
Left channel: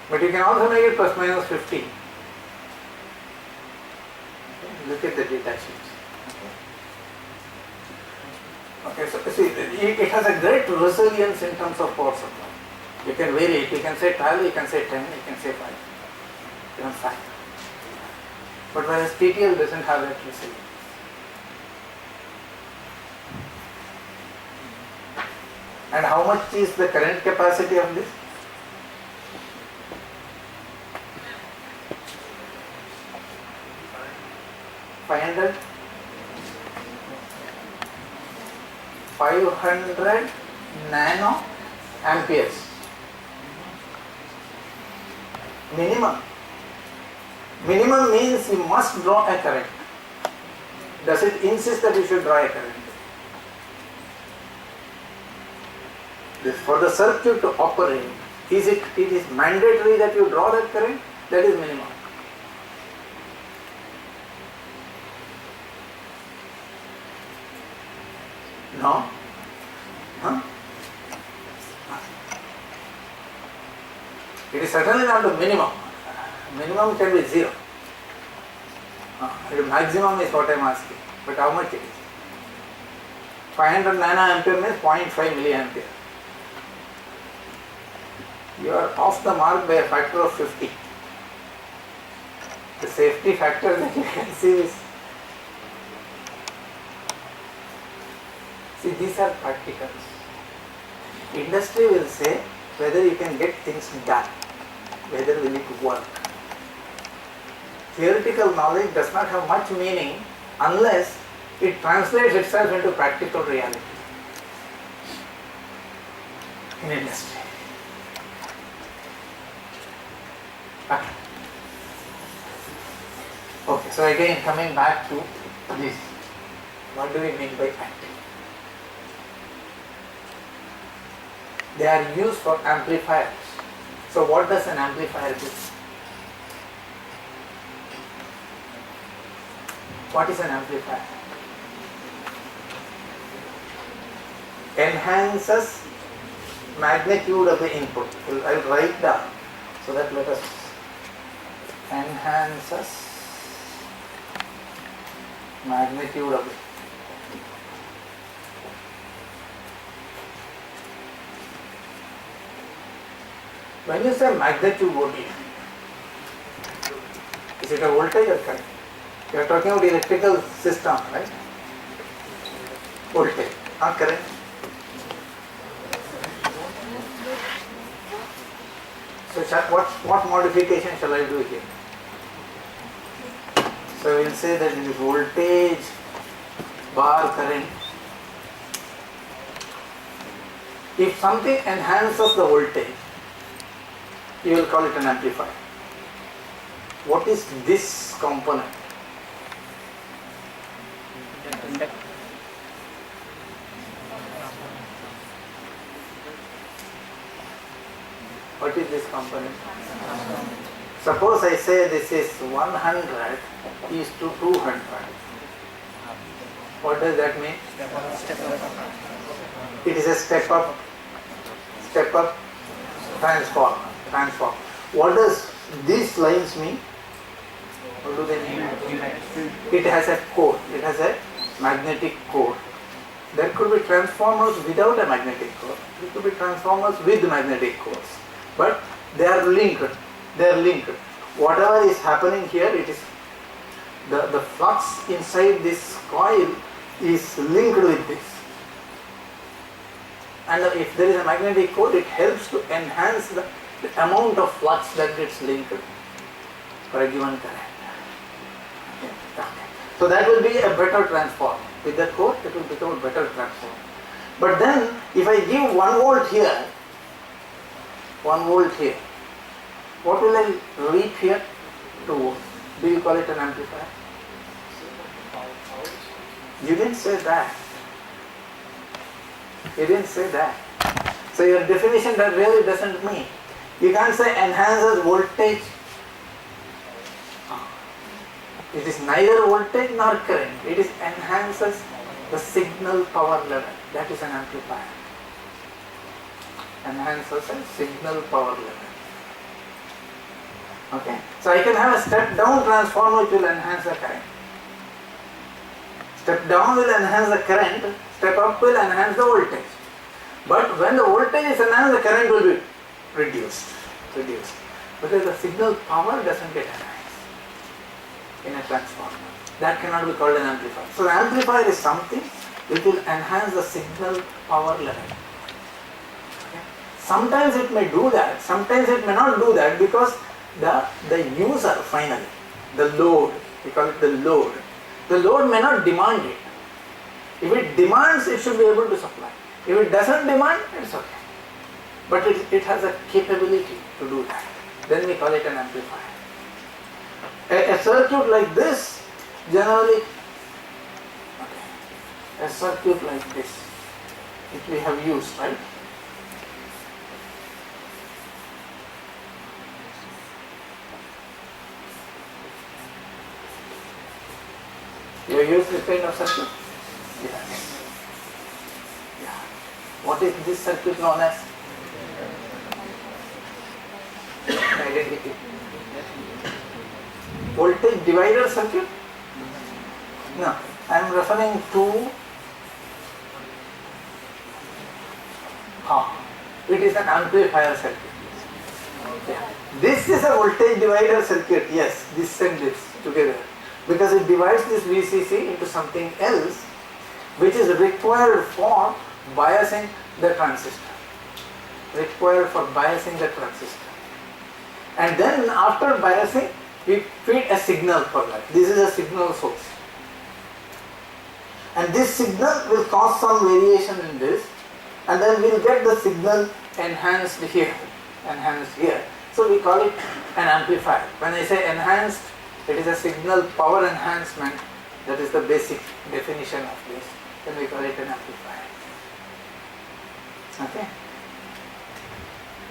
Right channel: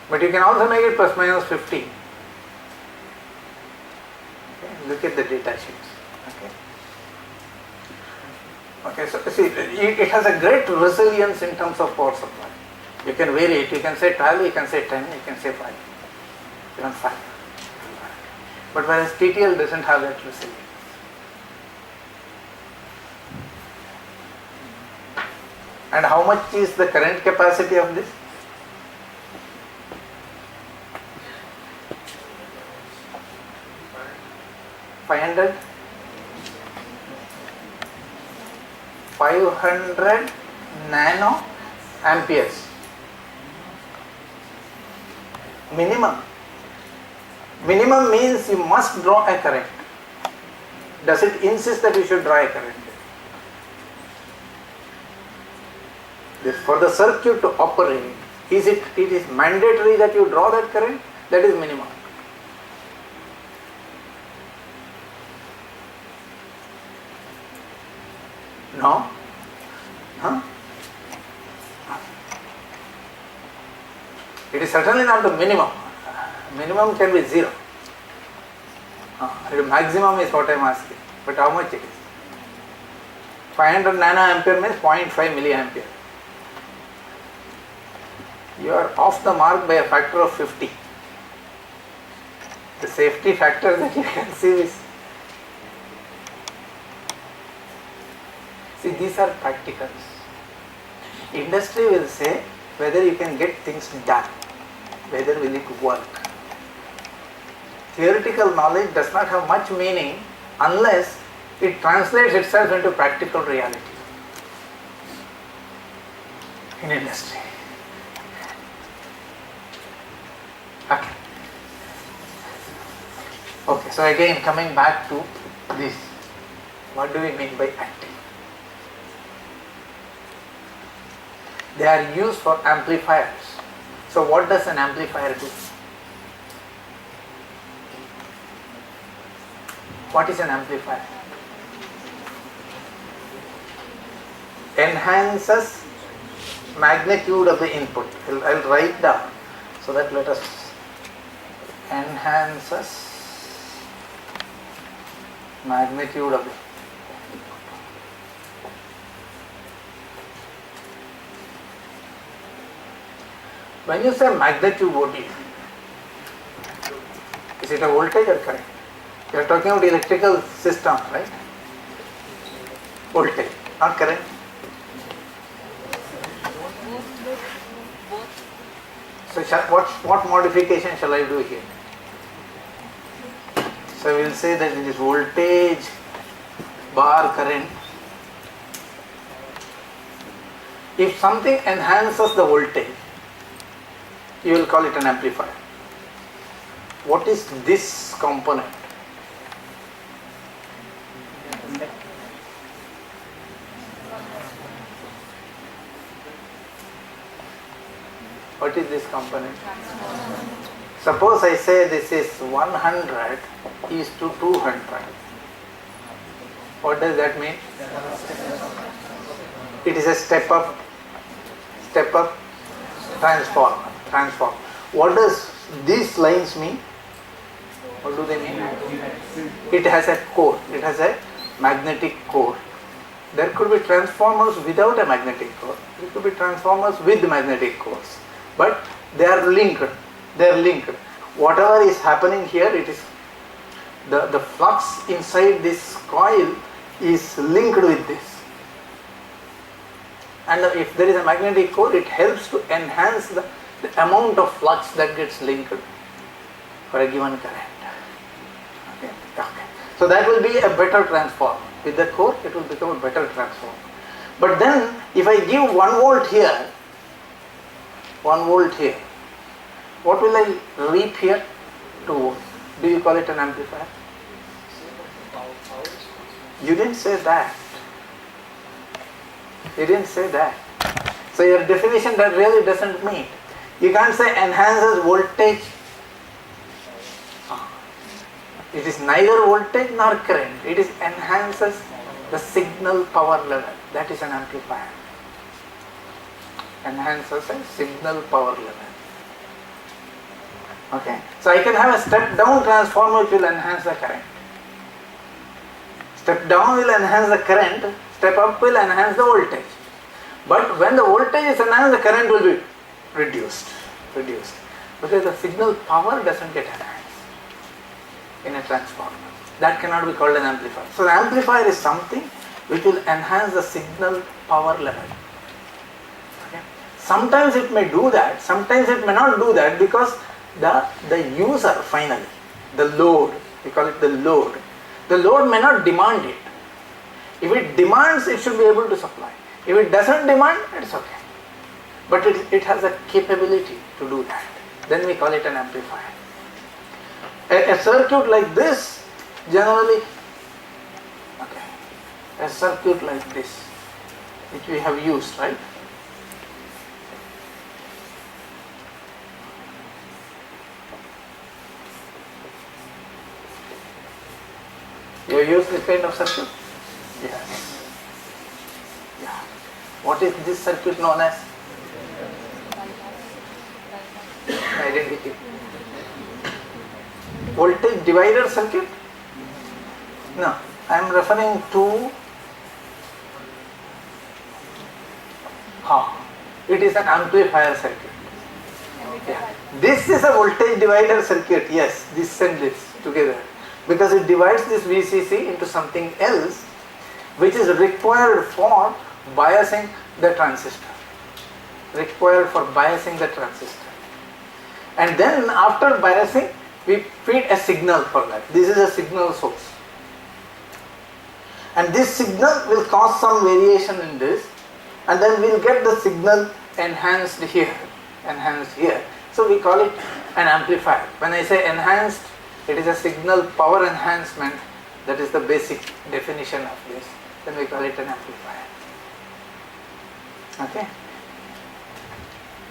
But you can also make it plus minus 15. Okay. Look at the data sheets. Okay, so see, it has a great resilience in terms of power supply. You can vary it, you can say 12, you can say 10, you can say 5, even 5. But whereas TTL doesn't have that resilience. And how much is the current capacity of this? $500 nano amperes minimum. Minimum means you must draw a current. Does it insist that you should draw a current? For the circuit to operate, it is mandatory that you draw that current? That is minimum. No? Huh? It is certainly not the minimum. Minimum can be 0. The maximum is what I am asking. But how much it is? 500 nanoampere means 0.5 milliampere. You are off the mark by a factor of 50. The safety factor that you can see is, see, these are practicals. Industry will say whether you can get things done, whether will it work. Theoretical knowledge does not have much meaning unless it translates itself into practical reality in industry. Okay, so again coming back to this, what do we mean by active? They are used for amplifiers. So what does an amplifier do? What is an amplifier? Enhances magnitude of the input. I'll write down so that let us enhances magnitude of it. When you say magnitude, what is it? Is it a voltage or current? We are talking about electrical system, right? Voltage, not current. So what modification shall I do here? So we will say that it is voltage bar current. If something enhances the voltage, you will call it an amplifier. What is this component? What is this component? Suppose I say this is 100 is to 200. What does that mean? It is a step up transformer. What does these lines mean? What do they mean? It has a core. It has a magnetic core. There could be transformers without a magnetic core. There could be transformers with magnetic cores. But they are linked. Whatever is happening here, it is the flux inside this coil is linked with this. And if there is a magnetic core, it helps to enhance the amount of flux that gets linked for a given current. Okay. So that will be a better transformer. With the core, it will become a better transformer. But then if I give 1 volt here, 1 volt here, what will I reap here? 2 volts. Do you call it an amplifier? You didn't say that. You didn't say that. So your definition that really doesn't mean. You can't say enhances voltage. It is neither voltage nor current. It is enhances the signal power level. That is an amplifier. Enhances a signal power level. Okay. So I can have a step down transformer which will enhance the current. Step down will enhance the current, step up will enhance the voltage. But when the voltage is enhanced, the current will be reduced. Because the signal power doesn't get enhanced in a transformer. That cannot be called an amplifier. So the amplifier is something which will enhance the signal power level. Okay. Sometimes it may do that, sometimes it may not do that, because the user finally, the load, we call it the load may not demand it. If it demands, it should be able to supply. If it doesn't demand, it's okay. But it has a capability to do that. Then we call it an amplifier. A circuit like this, generally, a circuit like this, which we have used, right? You have used this kind of circuit? Yes. Yeah. What is this circuit known as? Identity. Voltage divider circuit? No, I am referring to it is an amplifier circuit. Yeah. This is a voltage divider circuit, yes, this and this together. Because it divides this VCC into something else which is required for biasing the transistor. And then after biasing, we feed a signal for that. This is a signal source. And this signal will cause some variation in this, and then we will get the signal enhanced here. So we call it an amplifier. When I say enhanced, it is a signal power enhancement. That is the basic definition of this. Then we call it an amplifier. Okay.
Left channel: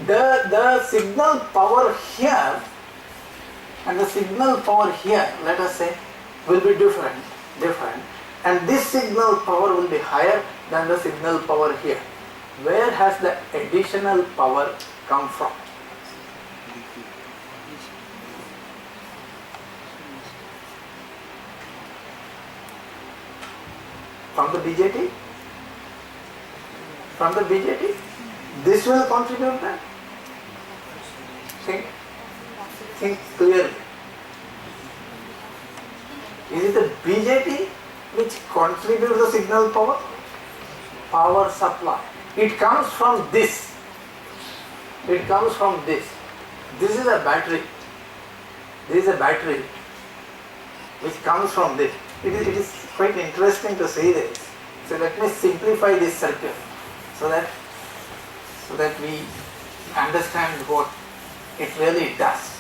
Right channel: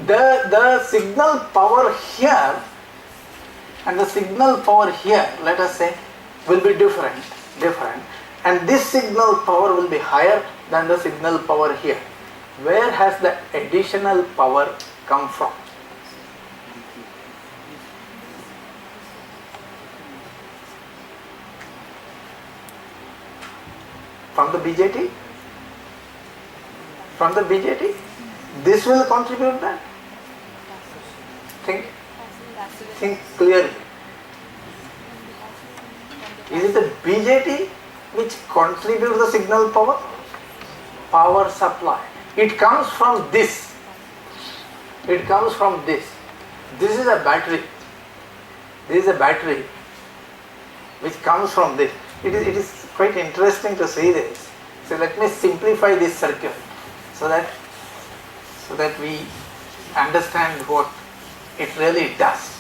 The signal power here and the signal power here, let us say, will be different. And this signal power will be higher than the signal power here. Where has the additional power come from? From the BJT? This will contribute that? Think clearly. Is it the BJT which contributes the signal power? Power supply. It comes from this. This is a battery. Which comes from this. It is quite interesting to see this. So let me simplify this circuit so that we understand what it really does.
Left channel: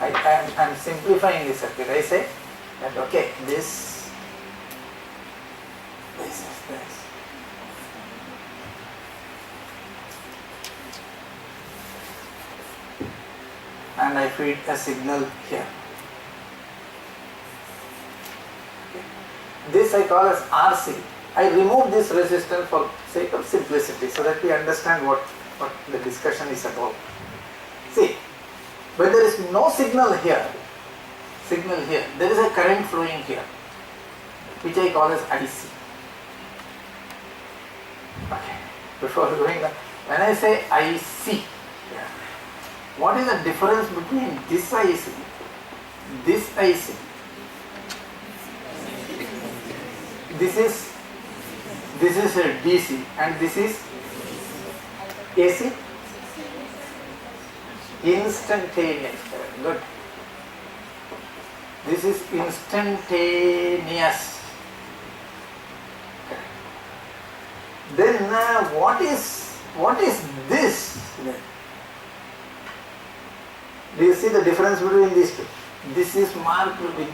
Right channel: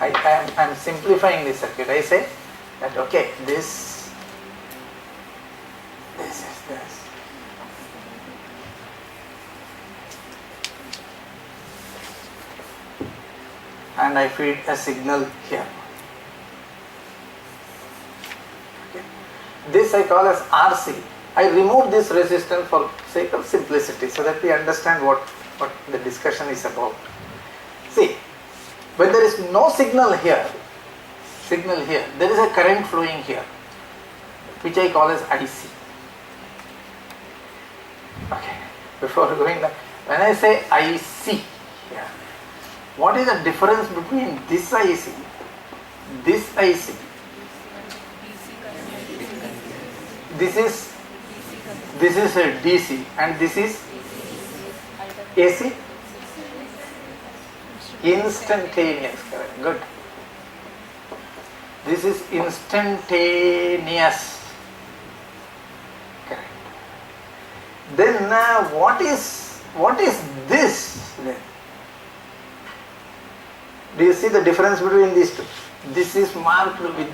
I am simplifying this circuit. I say that okay, this is this. And I feed a signal here. Okay. This I call as RC. I remove this resistance for sake of simplicity so that we understand what the discussion is about. See, when there is no signal here, there is a current flowing here, which I call as IC. Okay. Before going on, when I say IC, what is the difference between this IC, this IC? This is a DC and this is AC? Instantaneous current. Good. This is instantaneous. Correct. Then what is this then? Do you see the difference between these two? This is marked with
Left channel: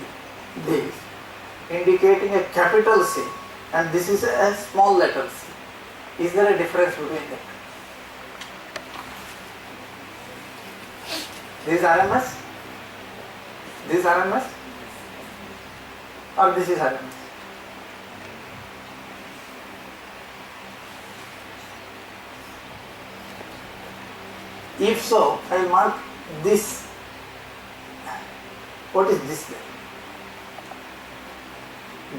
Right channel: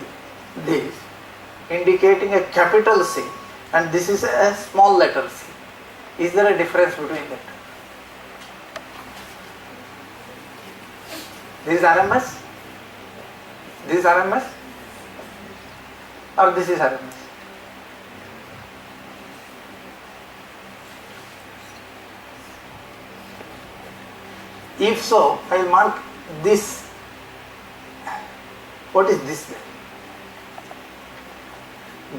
this, indicating a capital C, and this is a small letter c. Is there a difference between that? This is RMS? This is RMS? Or this is RMS? If so, I will mark this. What is this then?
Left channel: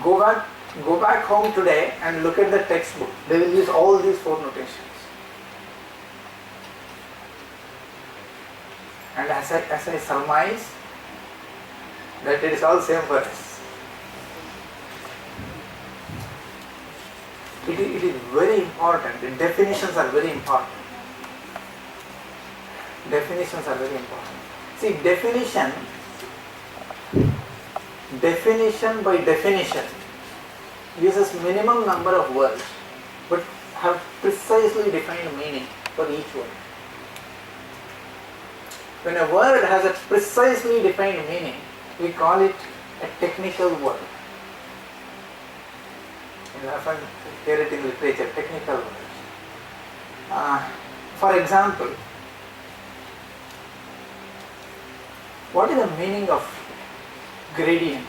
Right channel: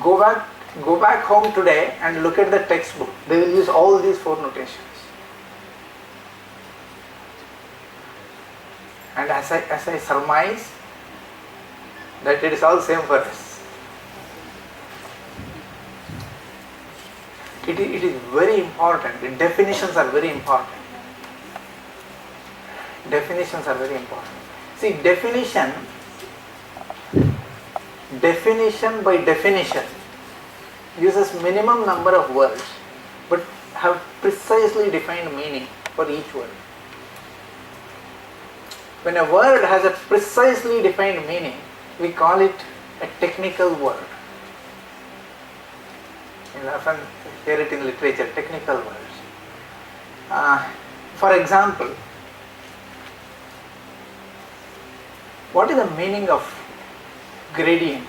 Go back home today and look at the textbook. They will use all these four notations. And as I surmise that it is all same for us. It is very important. The definitions are very important. Definitions are very important. See, definition by definition uses minimum number of words but have precisely defined meaning for each word. When a word has a precisely defined meaning, we call it a technical word. You often hear it in literature, technical words. For example, what is the meaning of gradient?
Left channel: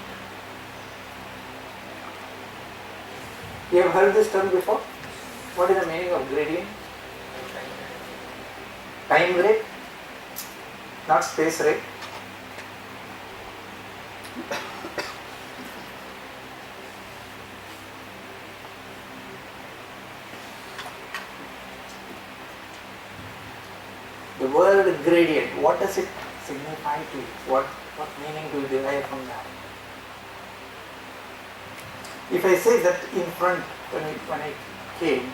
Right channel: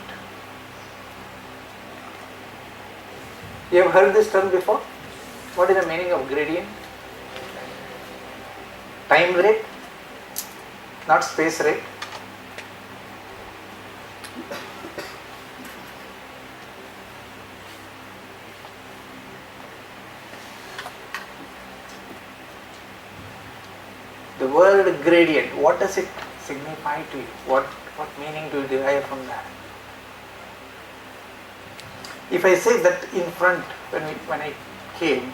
You have heard this term before? What is the meaning of gradient? Time rate, not space rate. The word gradient, what does it signify to you? What meaning do you derive from that? If I say that in front, when I came,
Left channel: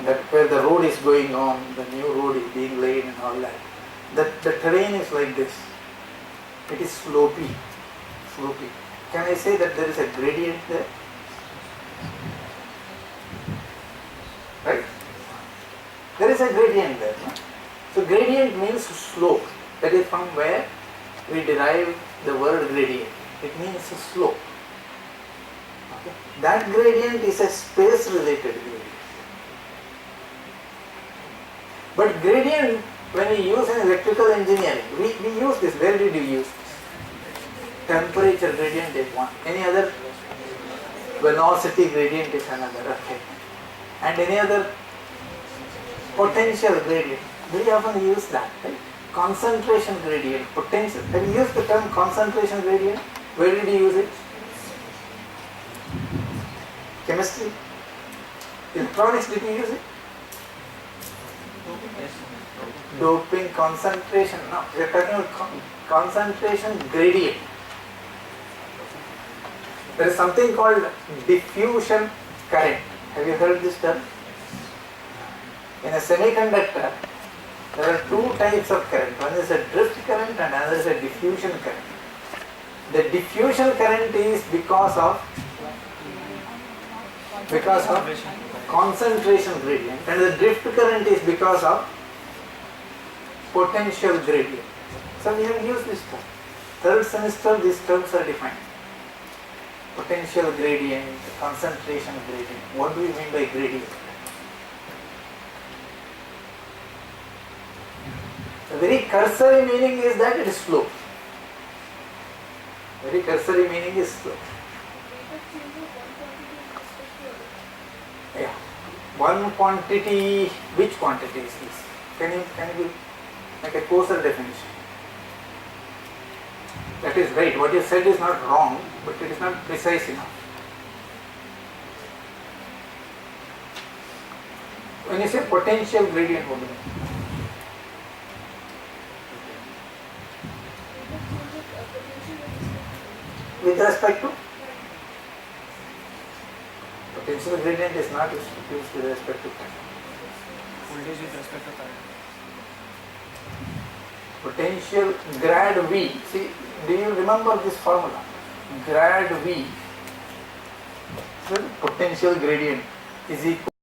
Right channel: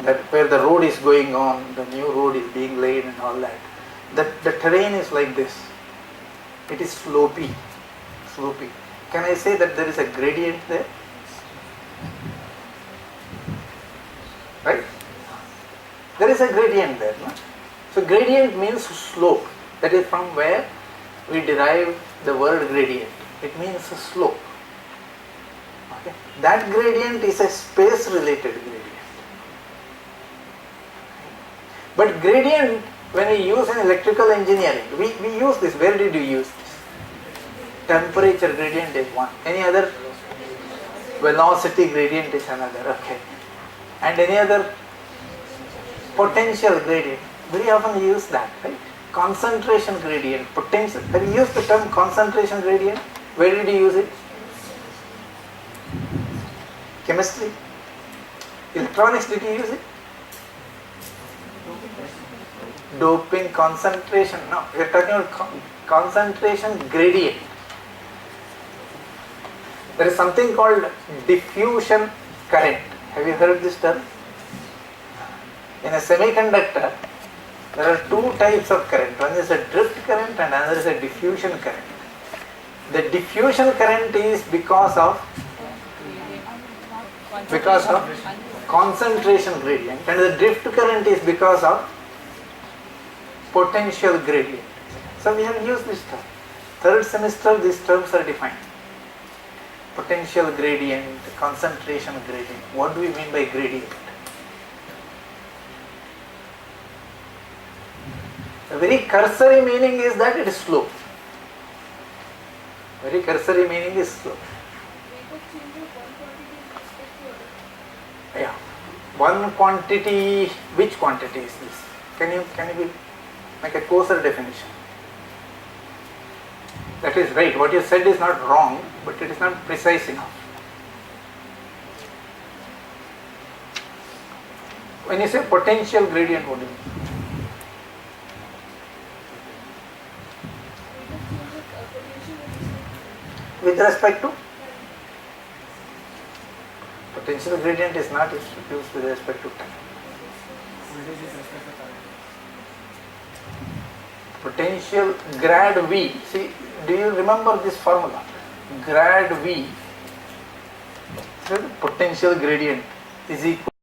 that where the road is going on, the new road is being laid and all that, the terrain is like this. It is slopy. Can I say that there is a gradient there? Right? There is a gradient there. No? So gradient means slope. That is from where we derive the word gradient. It means a slope. Okay? That gradient is a space related gradient. But gradient, when we use in electrical engineering, we use this. Where did you use this? Temperature gradient is one. Any other? Velocity gradient is another. Okay. And any other? Potential gradient. Very often we use that, right? Concentration gradient, potential. Have you used the term concentration gradient? Where did you use it? Chemistry? Electronics, did you use it? Doping, concentration. No, we are talking about concentration gradient. There is something called diffusion current. Have you heard this term? In a semiconductor, there are two types of current. One is a drift current and another is a diffusion current. The diffusion current is because of concentration gradient, and the drift current is because of potential gradient. So we have used this term. Third semester, these terms are defined. Potential gradient, concentration gradient. What do we mean by gradient? A very cursory meaning is that it is slope. Very cursory meaning is slope. Yeah. One quantity, which quantity is this? Can you make a coarser definition? That is right. What you said is not wrong, but it is not precise enough. When you say potential gradient, what do you mean? With respect to? Potential gradient is not used with respect to time. Voltage with respect to current. Potential grad V. See, do you remember this formula? Grad V, potential gradient is equal